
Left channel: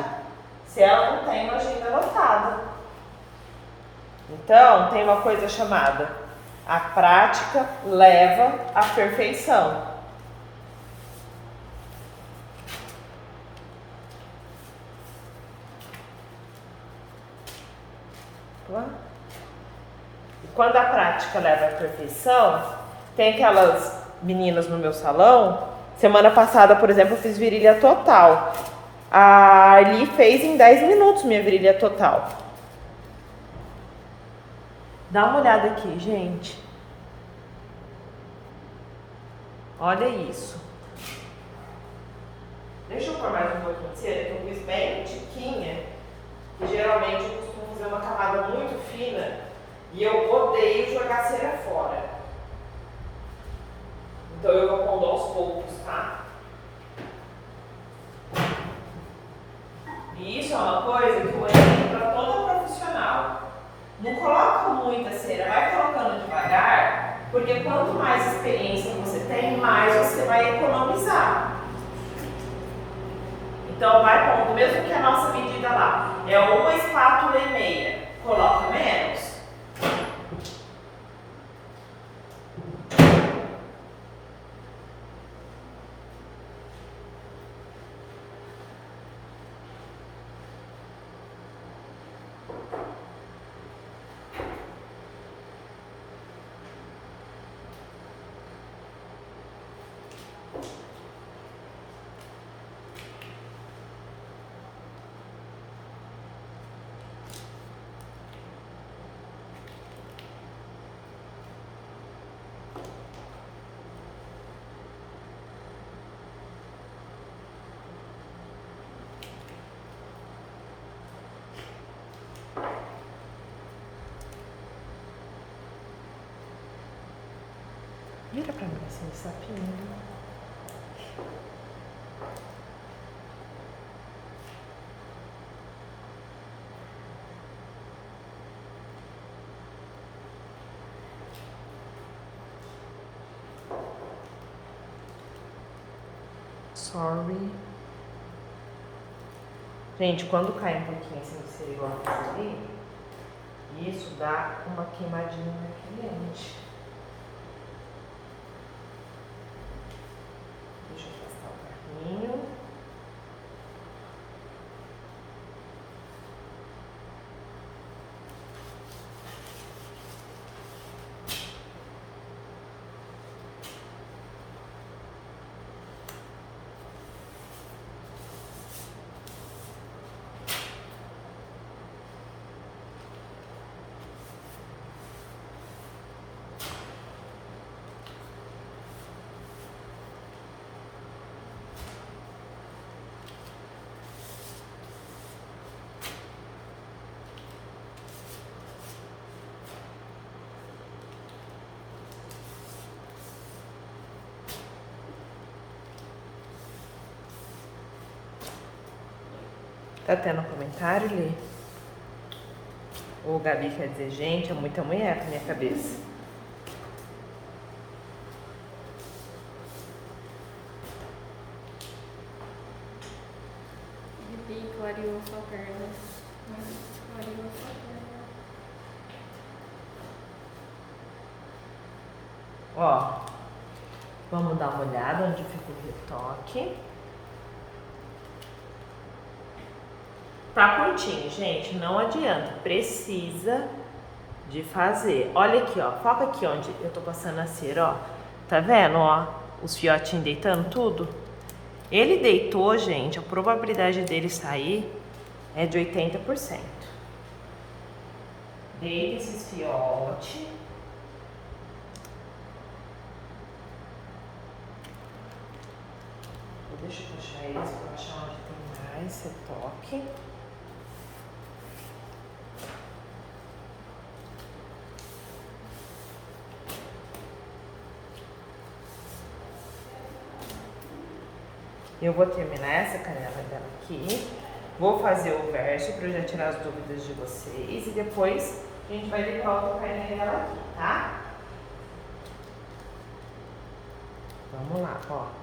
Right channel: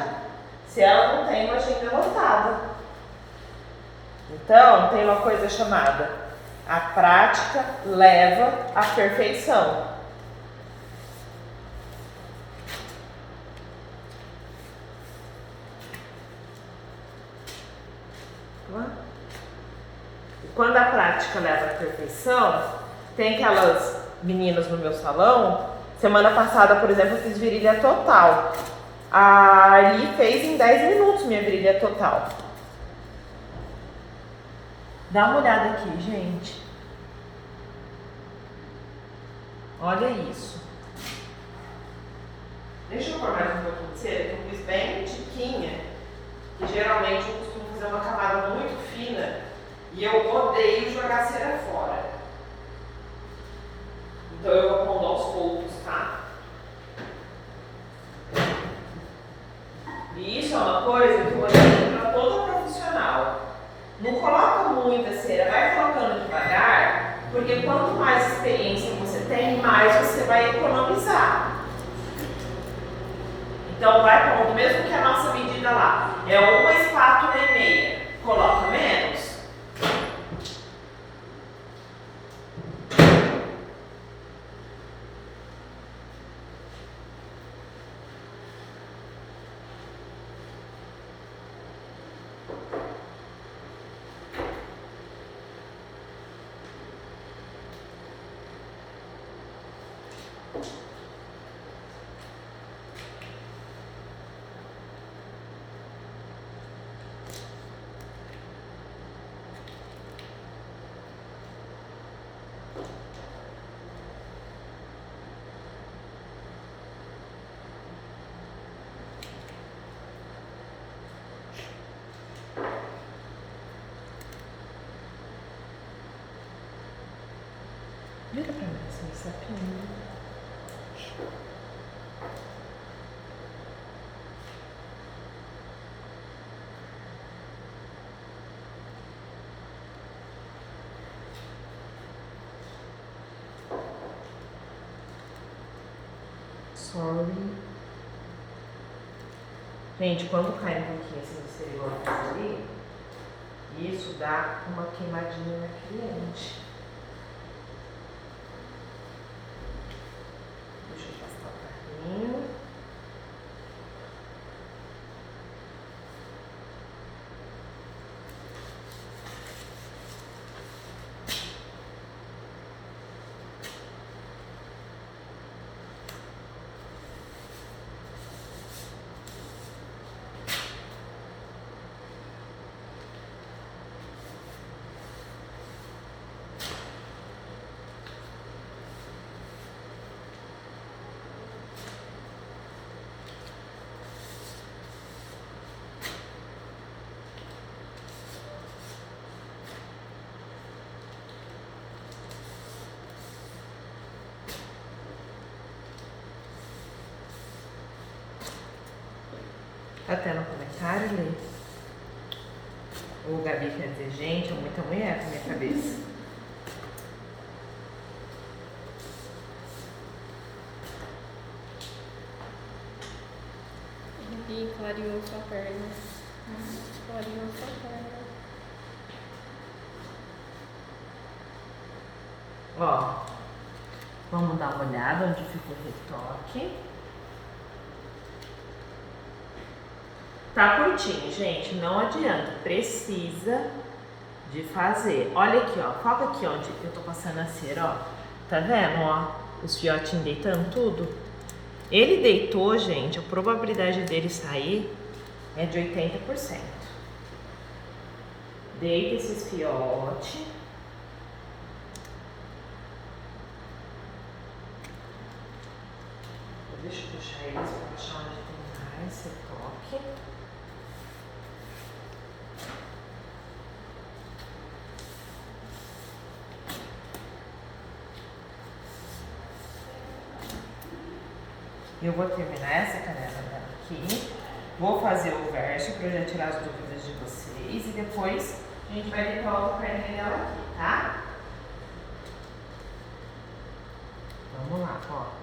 se ela não tem uma agenda lotada. Então, tem uma coisa chamada a prática leva à perfeição. E quando a prática leva à perfeição, tem aquelas meninas no meu salão. Semana passada, por exemplo, eu fiz virilha total. A Arli fez em 10 minutos minha virilha total. Dá uma olhada aqui, gente. Olha isso. Deixa eu pôr mais um pouquinho de cera, que eu fiz bem tiquinha. Que geralmente eu costumo fazer uma camada muito fina. E eu odeio jogar cera fora. Então eu vou pondo aos poucos, tá? E isso é uma coisa que eu oriento para toda profissional. Não coloca muita cera, vai colocando devagar, porque quanto mais experiência você tem, mais você vai economizar. Então vai pondo, mesmo que a nossa medida lá é 1,5 espátula, coloca menos. Vira pra mim assim, sapinho. Sorry. Gente, quando cai um pouquinho assim de cera igual ali, isso dá uma queimadinha na cliente. Deixa eu passar o carrinho. Tá tendo um comentário, Lê? O Gabi quer dizer, gente, é muita mulher pra minha cabeça. E clareou sua perna. Clareou sua perna. Ó, vamos dar uma olhada onde ficou o retoque. Tá curtinho, gente, não adianta, precisa de fazer. Olha aqui, ó, foca aqui onde eu tô passando a cera, ó. Tá vendo, ó, os fiotinhos deitando tudo? Ele deitou, gente, a probabilidade dele sair é de 80%. Deita esses fiotes. Deixa eu fechar eles para achar onde tem mais retoque. Eu vou terminar essa canela dela aqui. Vou fazer o verso para já tirar as dúvidas de vocês. E depois a gente vai limpar outra perninha dela aqui, tá? Vamos lá, ó.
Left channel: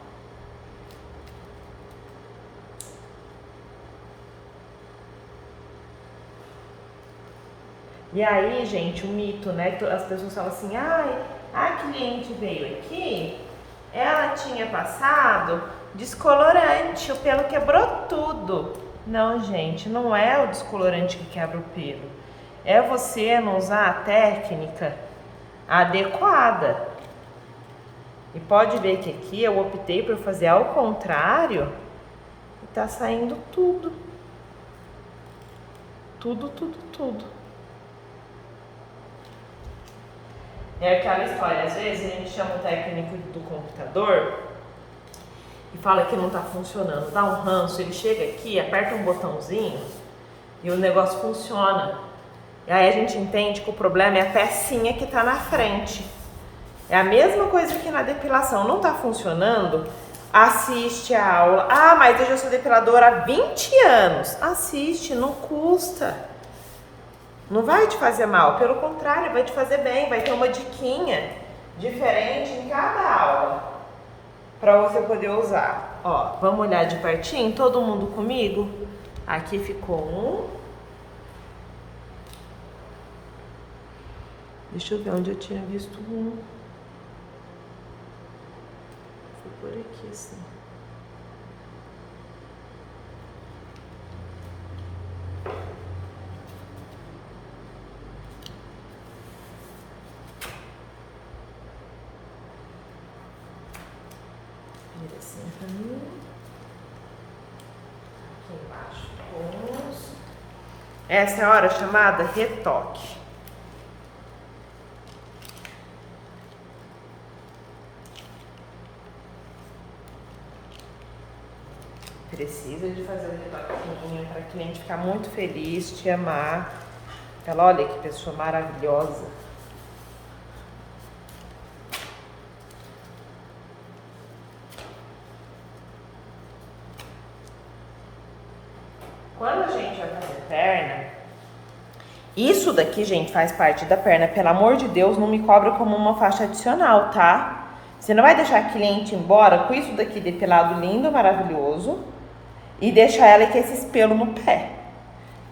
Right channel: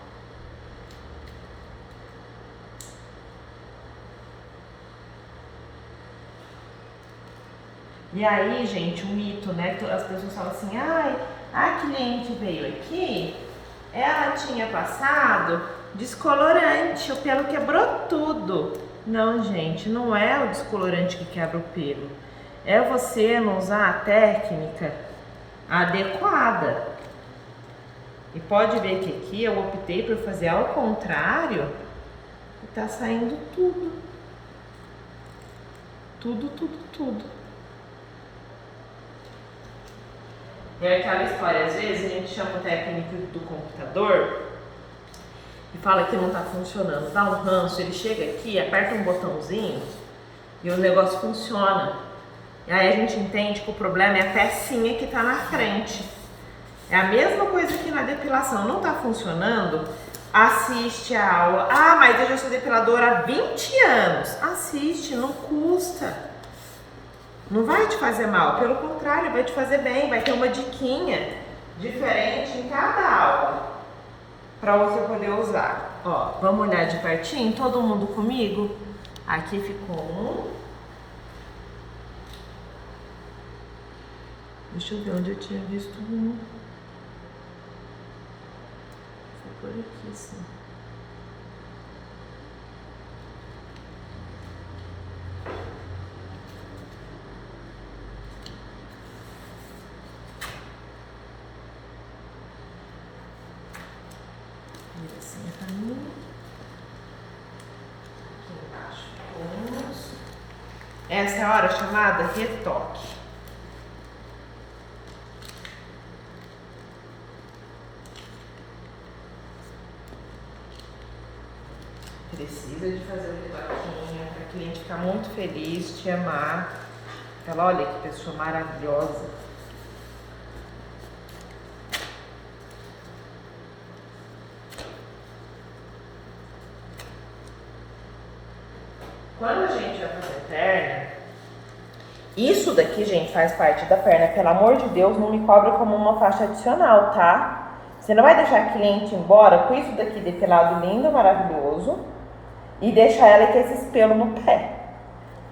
E aí, gente, o mito, né? As pessoas falam assim, ai, a cliente veio aqui, ela tinha passado descolorante, o pelo quebrou tudo. Não, gente, não é o descolorante que quebra o pelo. É você não usar a técnica adequada. E pode ver que aqui eu optei por fazer ao contrário e tá saindo tudo. Tudo, tudo, tudo. É aquela história, às vezes a gente chama o técnico do computador e fala que não tá funcionando, dá um ranço, ele chega aqui, aperta um botãozinho e o negócio funciona. E aí a gente entende que o problema é a pecinha que tá na frente. É a mesma coisa que na depilação, não tá funcionando, assiste a aula. Ah, mas eu já sou depiladora há 20 anos. Assiste, não custa. Não vai te fazer mal, pelo contrário, vai te fazer bem, vai ter uma diquinha diferente em cada aula para você poder usar. Ó, vamos olhar de pertinho, todo mundo comigo? Aqui ficou um. Deixa eu ver onde eu tinha visto um. Foi por aqui, sim. Assim pra mim. Aqui embaixo vamos. Essa é a hora chamada retoque. Precisa de fazer o retoquinho para a cliente ficar muito feliz, te amar. Ela, olha que pessoa maravilhosa. Quando a gente vai fazer perna, isso daqui, gente, faz parte da perna. Pelo amor de Deus, não me cobra como uma faixa adicional, tá? Você não vai deixar a cliente embora com isso daqui depilado lindo, maravilhoso e deixar ela com esses pelos no pé.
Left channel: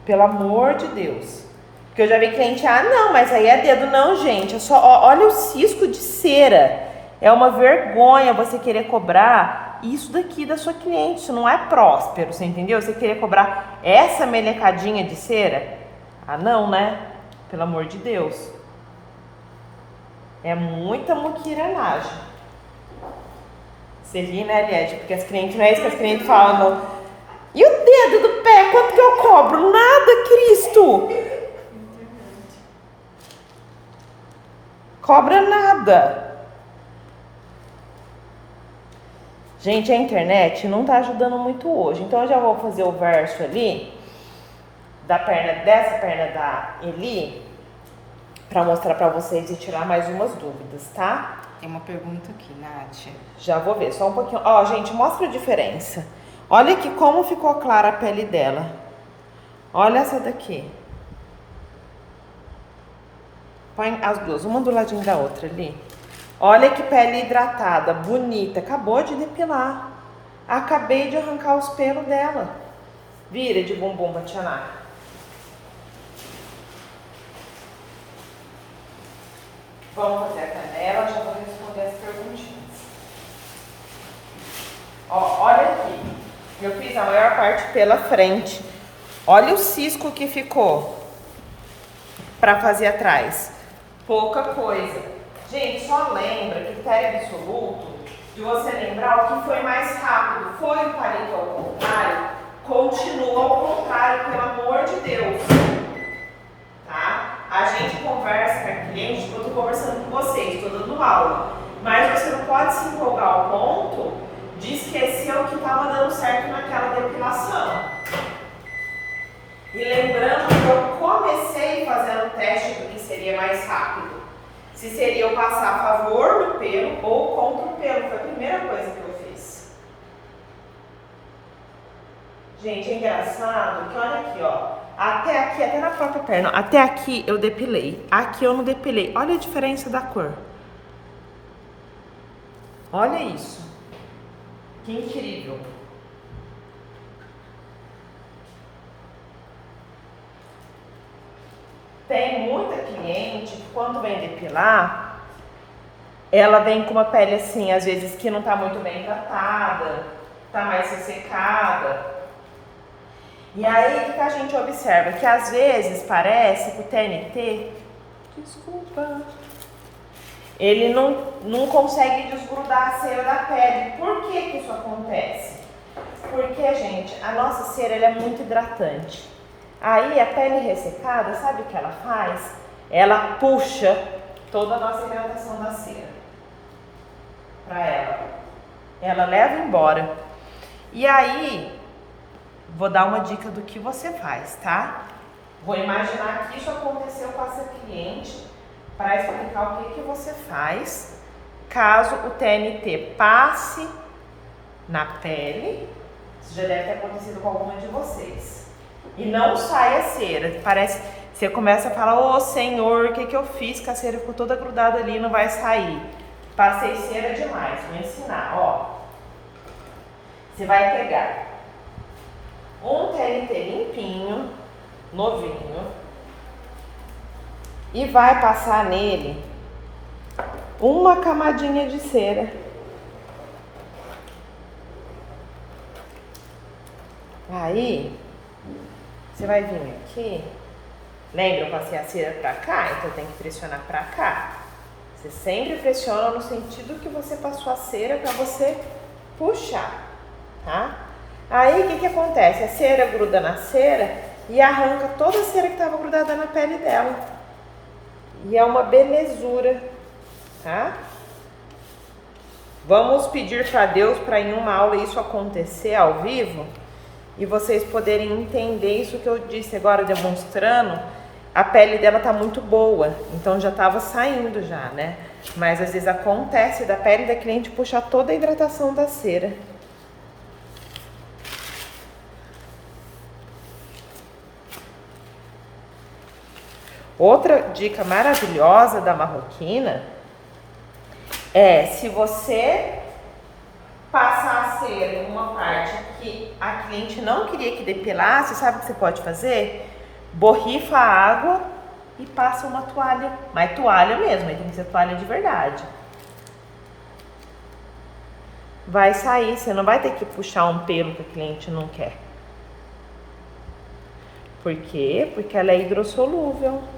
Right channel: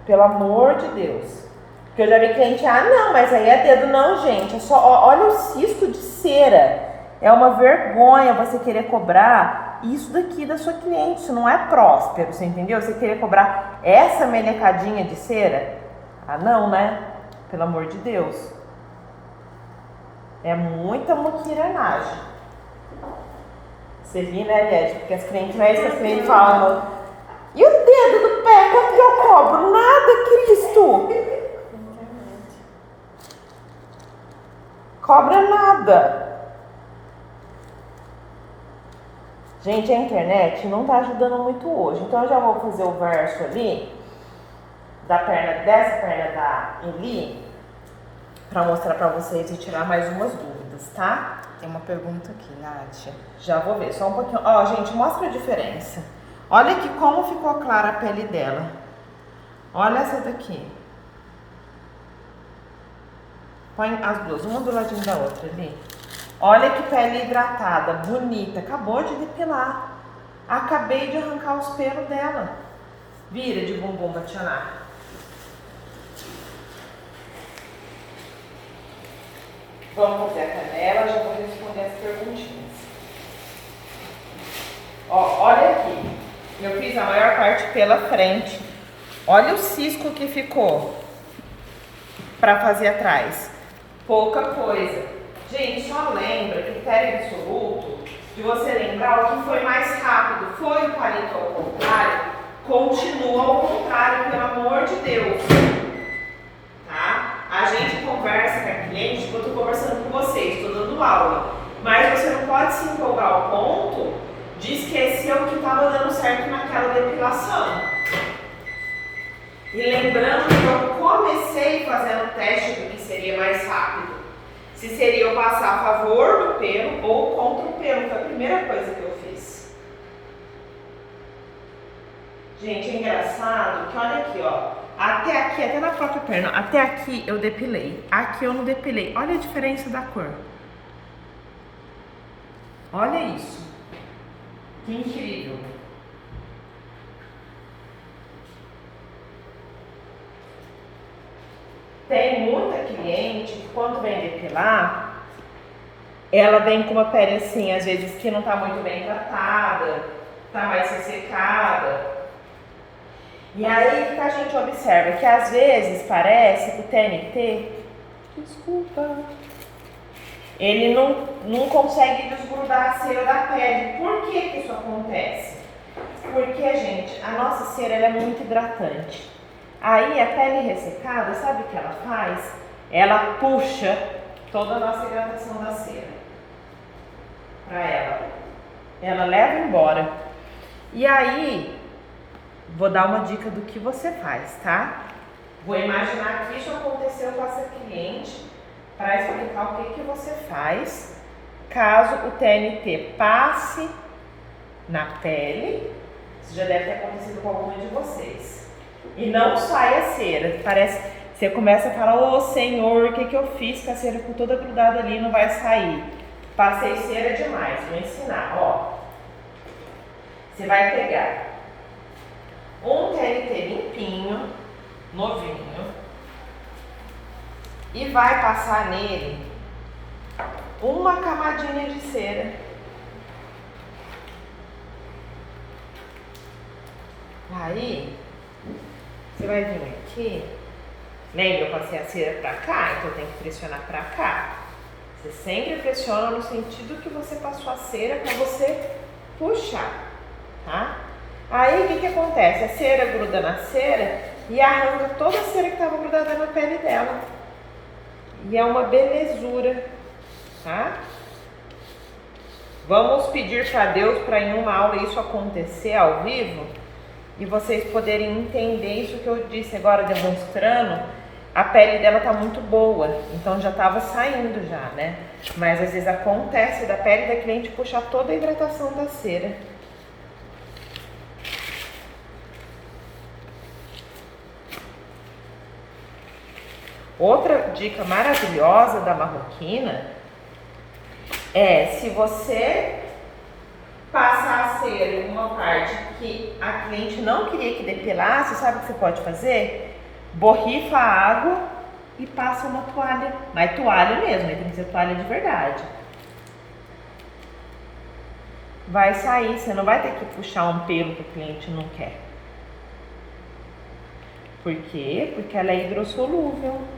Pelo amor de Deus. Porque eu já vi cliente, ah, não, mas aí é dedo. Não, gente, é só, ó, olha o cisco de cera. É uma vergonha você querer cobrar isso daqui da sua cliente. Isso não é próspero, você entendeu? Você querer cobrar essa melecadinha de cera? Ah, não, né? Pelo amor de Deus. É muita muquiranagem. Você ri, né, Liette? Porque as clientes, não é isso que as clientes falam. E o dedo do pé, quanto que eu cobro? Nada, Cristo! Cobra nada. Gente, a internet não tá ajudando muito hoje. Então eu já vou fazer o verso ali da perna, dessa perna da Eli, pra mostrar pra vocês e tirar mais umas dúvidas, tá? Tem uma pergunta aqui, Nádia. Já vou ver, só um pouquinho. Ó, gente, mostra a diferença. Olha aqui como ficou clara a pele dela. Olha essa daqui. Põe as duas, uma do ladinho da outra ali. Olha que pele hidratada, bonita. Acabou de depilar. Acabei de arrancar os pelos dela. Vira de bumbum pra Tiana. Vamos fazer a canela, já vou responder as perguntinhas. Ó, olha aqui. Eu fiz a maior parte pela frente. Olha o cisco que ficou pra fazer atrás. Pouca coisa. Gente, só lembra, critério absoluto, de você lembrar o que foi mais rápido. Foi o palito ao contrário? Continua ao contrário, pelo amor de Deus. Tá? A gente conversa com a cliente, eu tô conversando com vocês, tô dando aula. Mas você não pode se empolgar ao ponto de esquecer o que estava dando certo naquela depilação. E lembrando que eu comecei fazendo o teste do que seria mais rápido. Se seria eu passar a favor do pelo ou contra o pelo, foi a primeira coisa que eu fiz. Gente, é engraçado que olha aqui, ó. Até aqui, até na própria perna, até aqui eu depilei. Aqui eu não depilei. Olha a diferença da cor. Olha isso. Que incrível. Tem muita cliente que quando vem depilar, ela vem com uma pele assim, às vezes que não tá muito bem tratada, tá mais ressecada. E aí, o que a gente observa? Que às vezes parece que o TNT, desculpa, ele não consegue desgrudar a cera da pele. Por que que isso acontece? Porque, gente, a nossa cera ela é muito hidratante. Aí a pele ressecada, sabe o que ela faz? Ela puxa toda a nossa hidratação da cera para ela. Ela leva embora. E aí, vou dar uma dica do que você faz, tá? Vou imaginar que isso aconteceu com essa cliente para explicar o que você faz caso o TNT passe na pele. Isso já deve ter acontecido com alguma de vocês. E não sai a cera. Parece, você começa a falar, ô Senhor, o que eu fiz? Que a cera ficou toda grudada ali, não vai sair. Passei cera demais. Vou ensinar, ó. Você vai pegar um TNT limpinho, novinho, e vai passar nele uma camadinha de cera. Aí, você vai vir aqui, lembra, eu passei a cera pra cá, então tem que pressionar pra cá. Você sempre pressiona no sentido que você passou a cera pra você puxar, tá? Aí, o que acontece? A cera gruda na cera e arranca toda a cera que estava grudada na pele dela. E é uma belezura, tá? Vamos pedir para Deus para em uma aula isso acontecer ao vivo e vocês poderem entender isso que eu disse agora demonstrando. A pele dela tá muito boa, então já estava saindo já, né? Mas às vezes acontece da pele da cliente puxar toda a hidratação da cera. Outra dica maravilhosa da marroquina é se você passar a cera em uma parte que a cliente não queria que depilasse, sabe o que você pode fazer? Borrifa a água e passa uma toalha, mas toalha mesmo, tem que ser toalha de verdade. Vai sair, você não vai ter que puxar um pelo que o cliente não quer. Por quê? Porque ela é hidrossolúvel.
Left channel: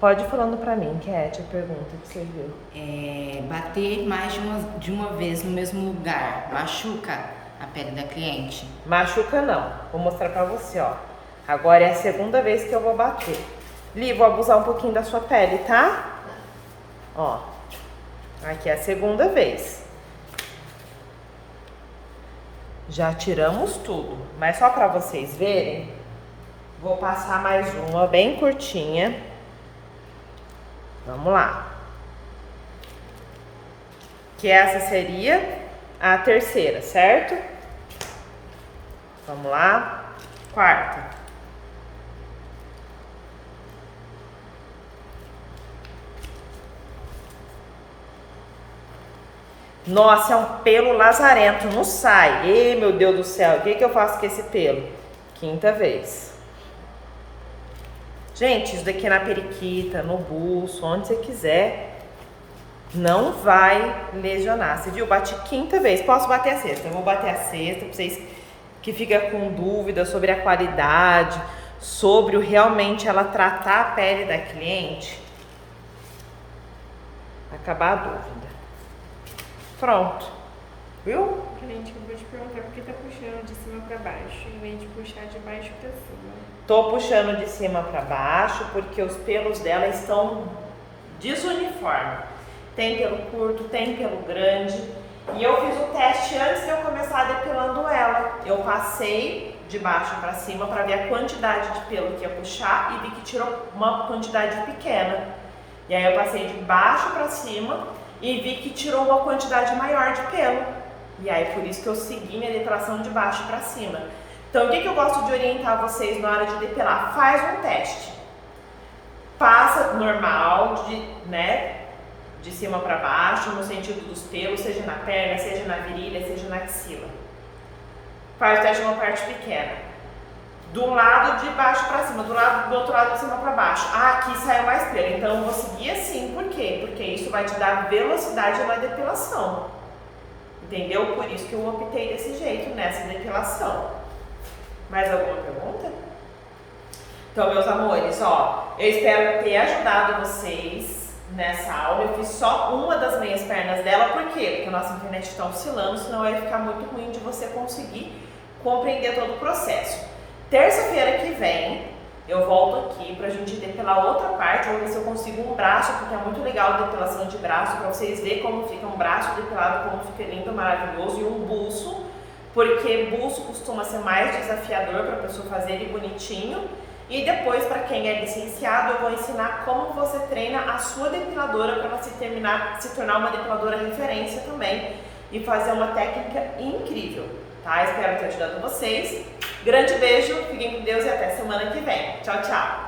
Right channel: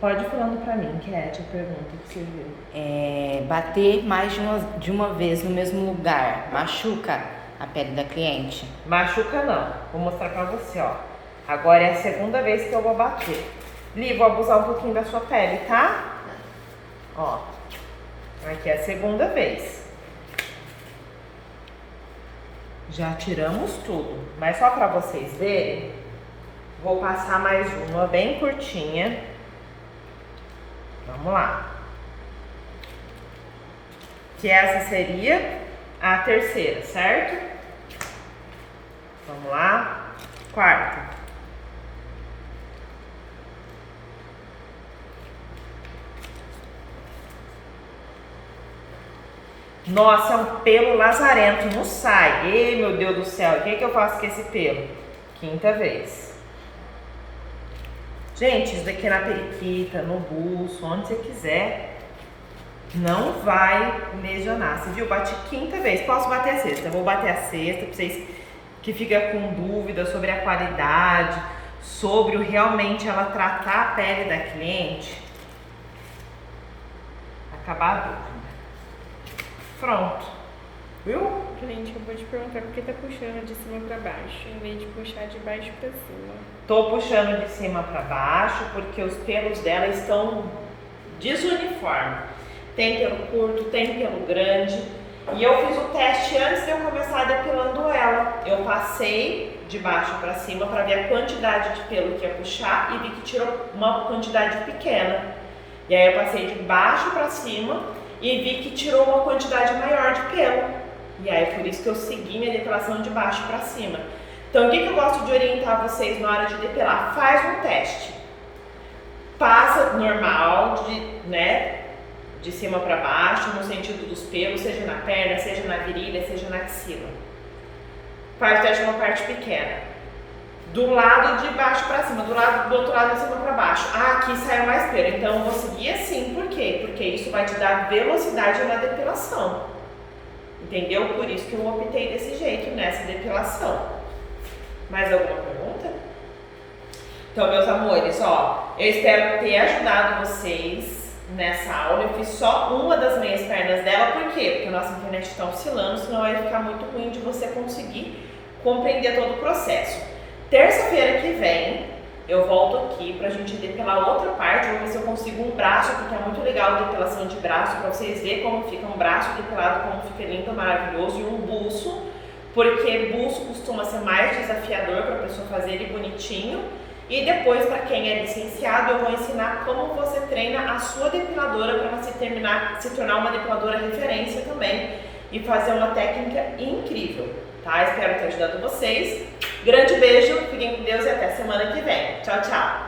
Pode ir falando pra mim, Cat, a pergunta que você viu. Bater mais de uma vez no mesmo lugar machuca a pele da cliente? Machuca não. Vou mostrar pra você, ó. Agora é a segunda vez que eu vou bater. Li, vou abusar um pouquinho da sua pele, tá? Ó. Aqui é a segunda vez. Já tiramos tudo. Mas só pra vocês verem, vou passar mais uma bem curtinha. Vamos lá. Que essa seria a terceira, certo? Vamos lá. Quarta. Nossa, é um pelo lazarento, não sai. Ei, meu Deus do céu, o que eu faço com esse pelo? Quinta vez. Gente, isso daqui é na periquita, no buço, onde você quiser, não vai lesionar. Você viu? Bati quinta vez. Posso bater a sexta? Eu vou bater a sexta para vocês que ficam com dúvida sobre a qualidade, sobre o realmente ela tratar a pele da cliente. Acabar a dúvida. Pronto. Viu? Gente, eu vou te perguntar por que tá puxando de cima pra baixo, em vez de puxar de baixo pra cima. Tô puxando de cima para baixo porque os pelos dela estão desuniforme. Tem pelo curto, tem pelo grande. E eu fiz o teste antes de eu começar depilando ela. Eu passei de baixo para cima para ver a quantidade de pelo que ia puxar e vi que tirou uma quantidade pequena. E aí eu passei de baixo para cima e vi que tirou uma quantidade maior de pelo. E aí por isso que eu segui minha depilação de baixo para cima. Então o que eu gosto de orientar vocês na hora de depilar? Faz um teste. Passa normal, de cima para baixo, no sentido dos pelos, seja na perna, seja na virilha, seja na axila. Faz o teste de uma parte pequena. Do lado de baixo para cima, do outro lado de cima para baixo. Ah, aqui saiu mais pelo, então eu vou seguir assim. Por quê? Porque isso vai te dar velocidade na depilação. Entendeu? Por isso que eu optei desse jeito nessa depilação. Mais alguma pergunta? Então, meus amores, ó, eu espero ter ajudado vocês nessa aula. Eu fiz só uma das meias pernas dela, por quê? Porque a nossa internet está oscilando, senão vai ficar muito ruim de você conseguir compreender todo o processo. Terça-feira que vem, eu volto aqui pra gente depilar outra parte, vou ver se eu consigo um braço, porque é muito legal a depilação de braço, pra vocês verem como fica um braço depilado, como fica lindo, maravilhoso, e um buço, porque buço costuma ser mais desafiador para a pessoa fazer ele bonitinho. E depois, para quem é licenciado, eu vou ensinar como você treina a sua depiladora para ela se tornar uma depiladora referência também e fazer uma técnica incrível, tá? Espero ter ajudado vocês. Grande beijo, fiquem com Deus e até semana que vem. Tchau, tchau!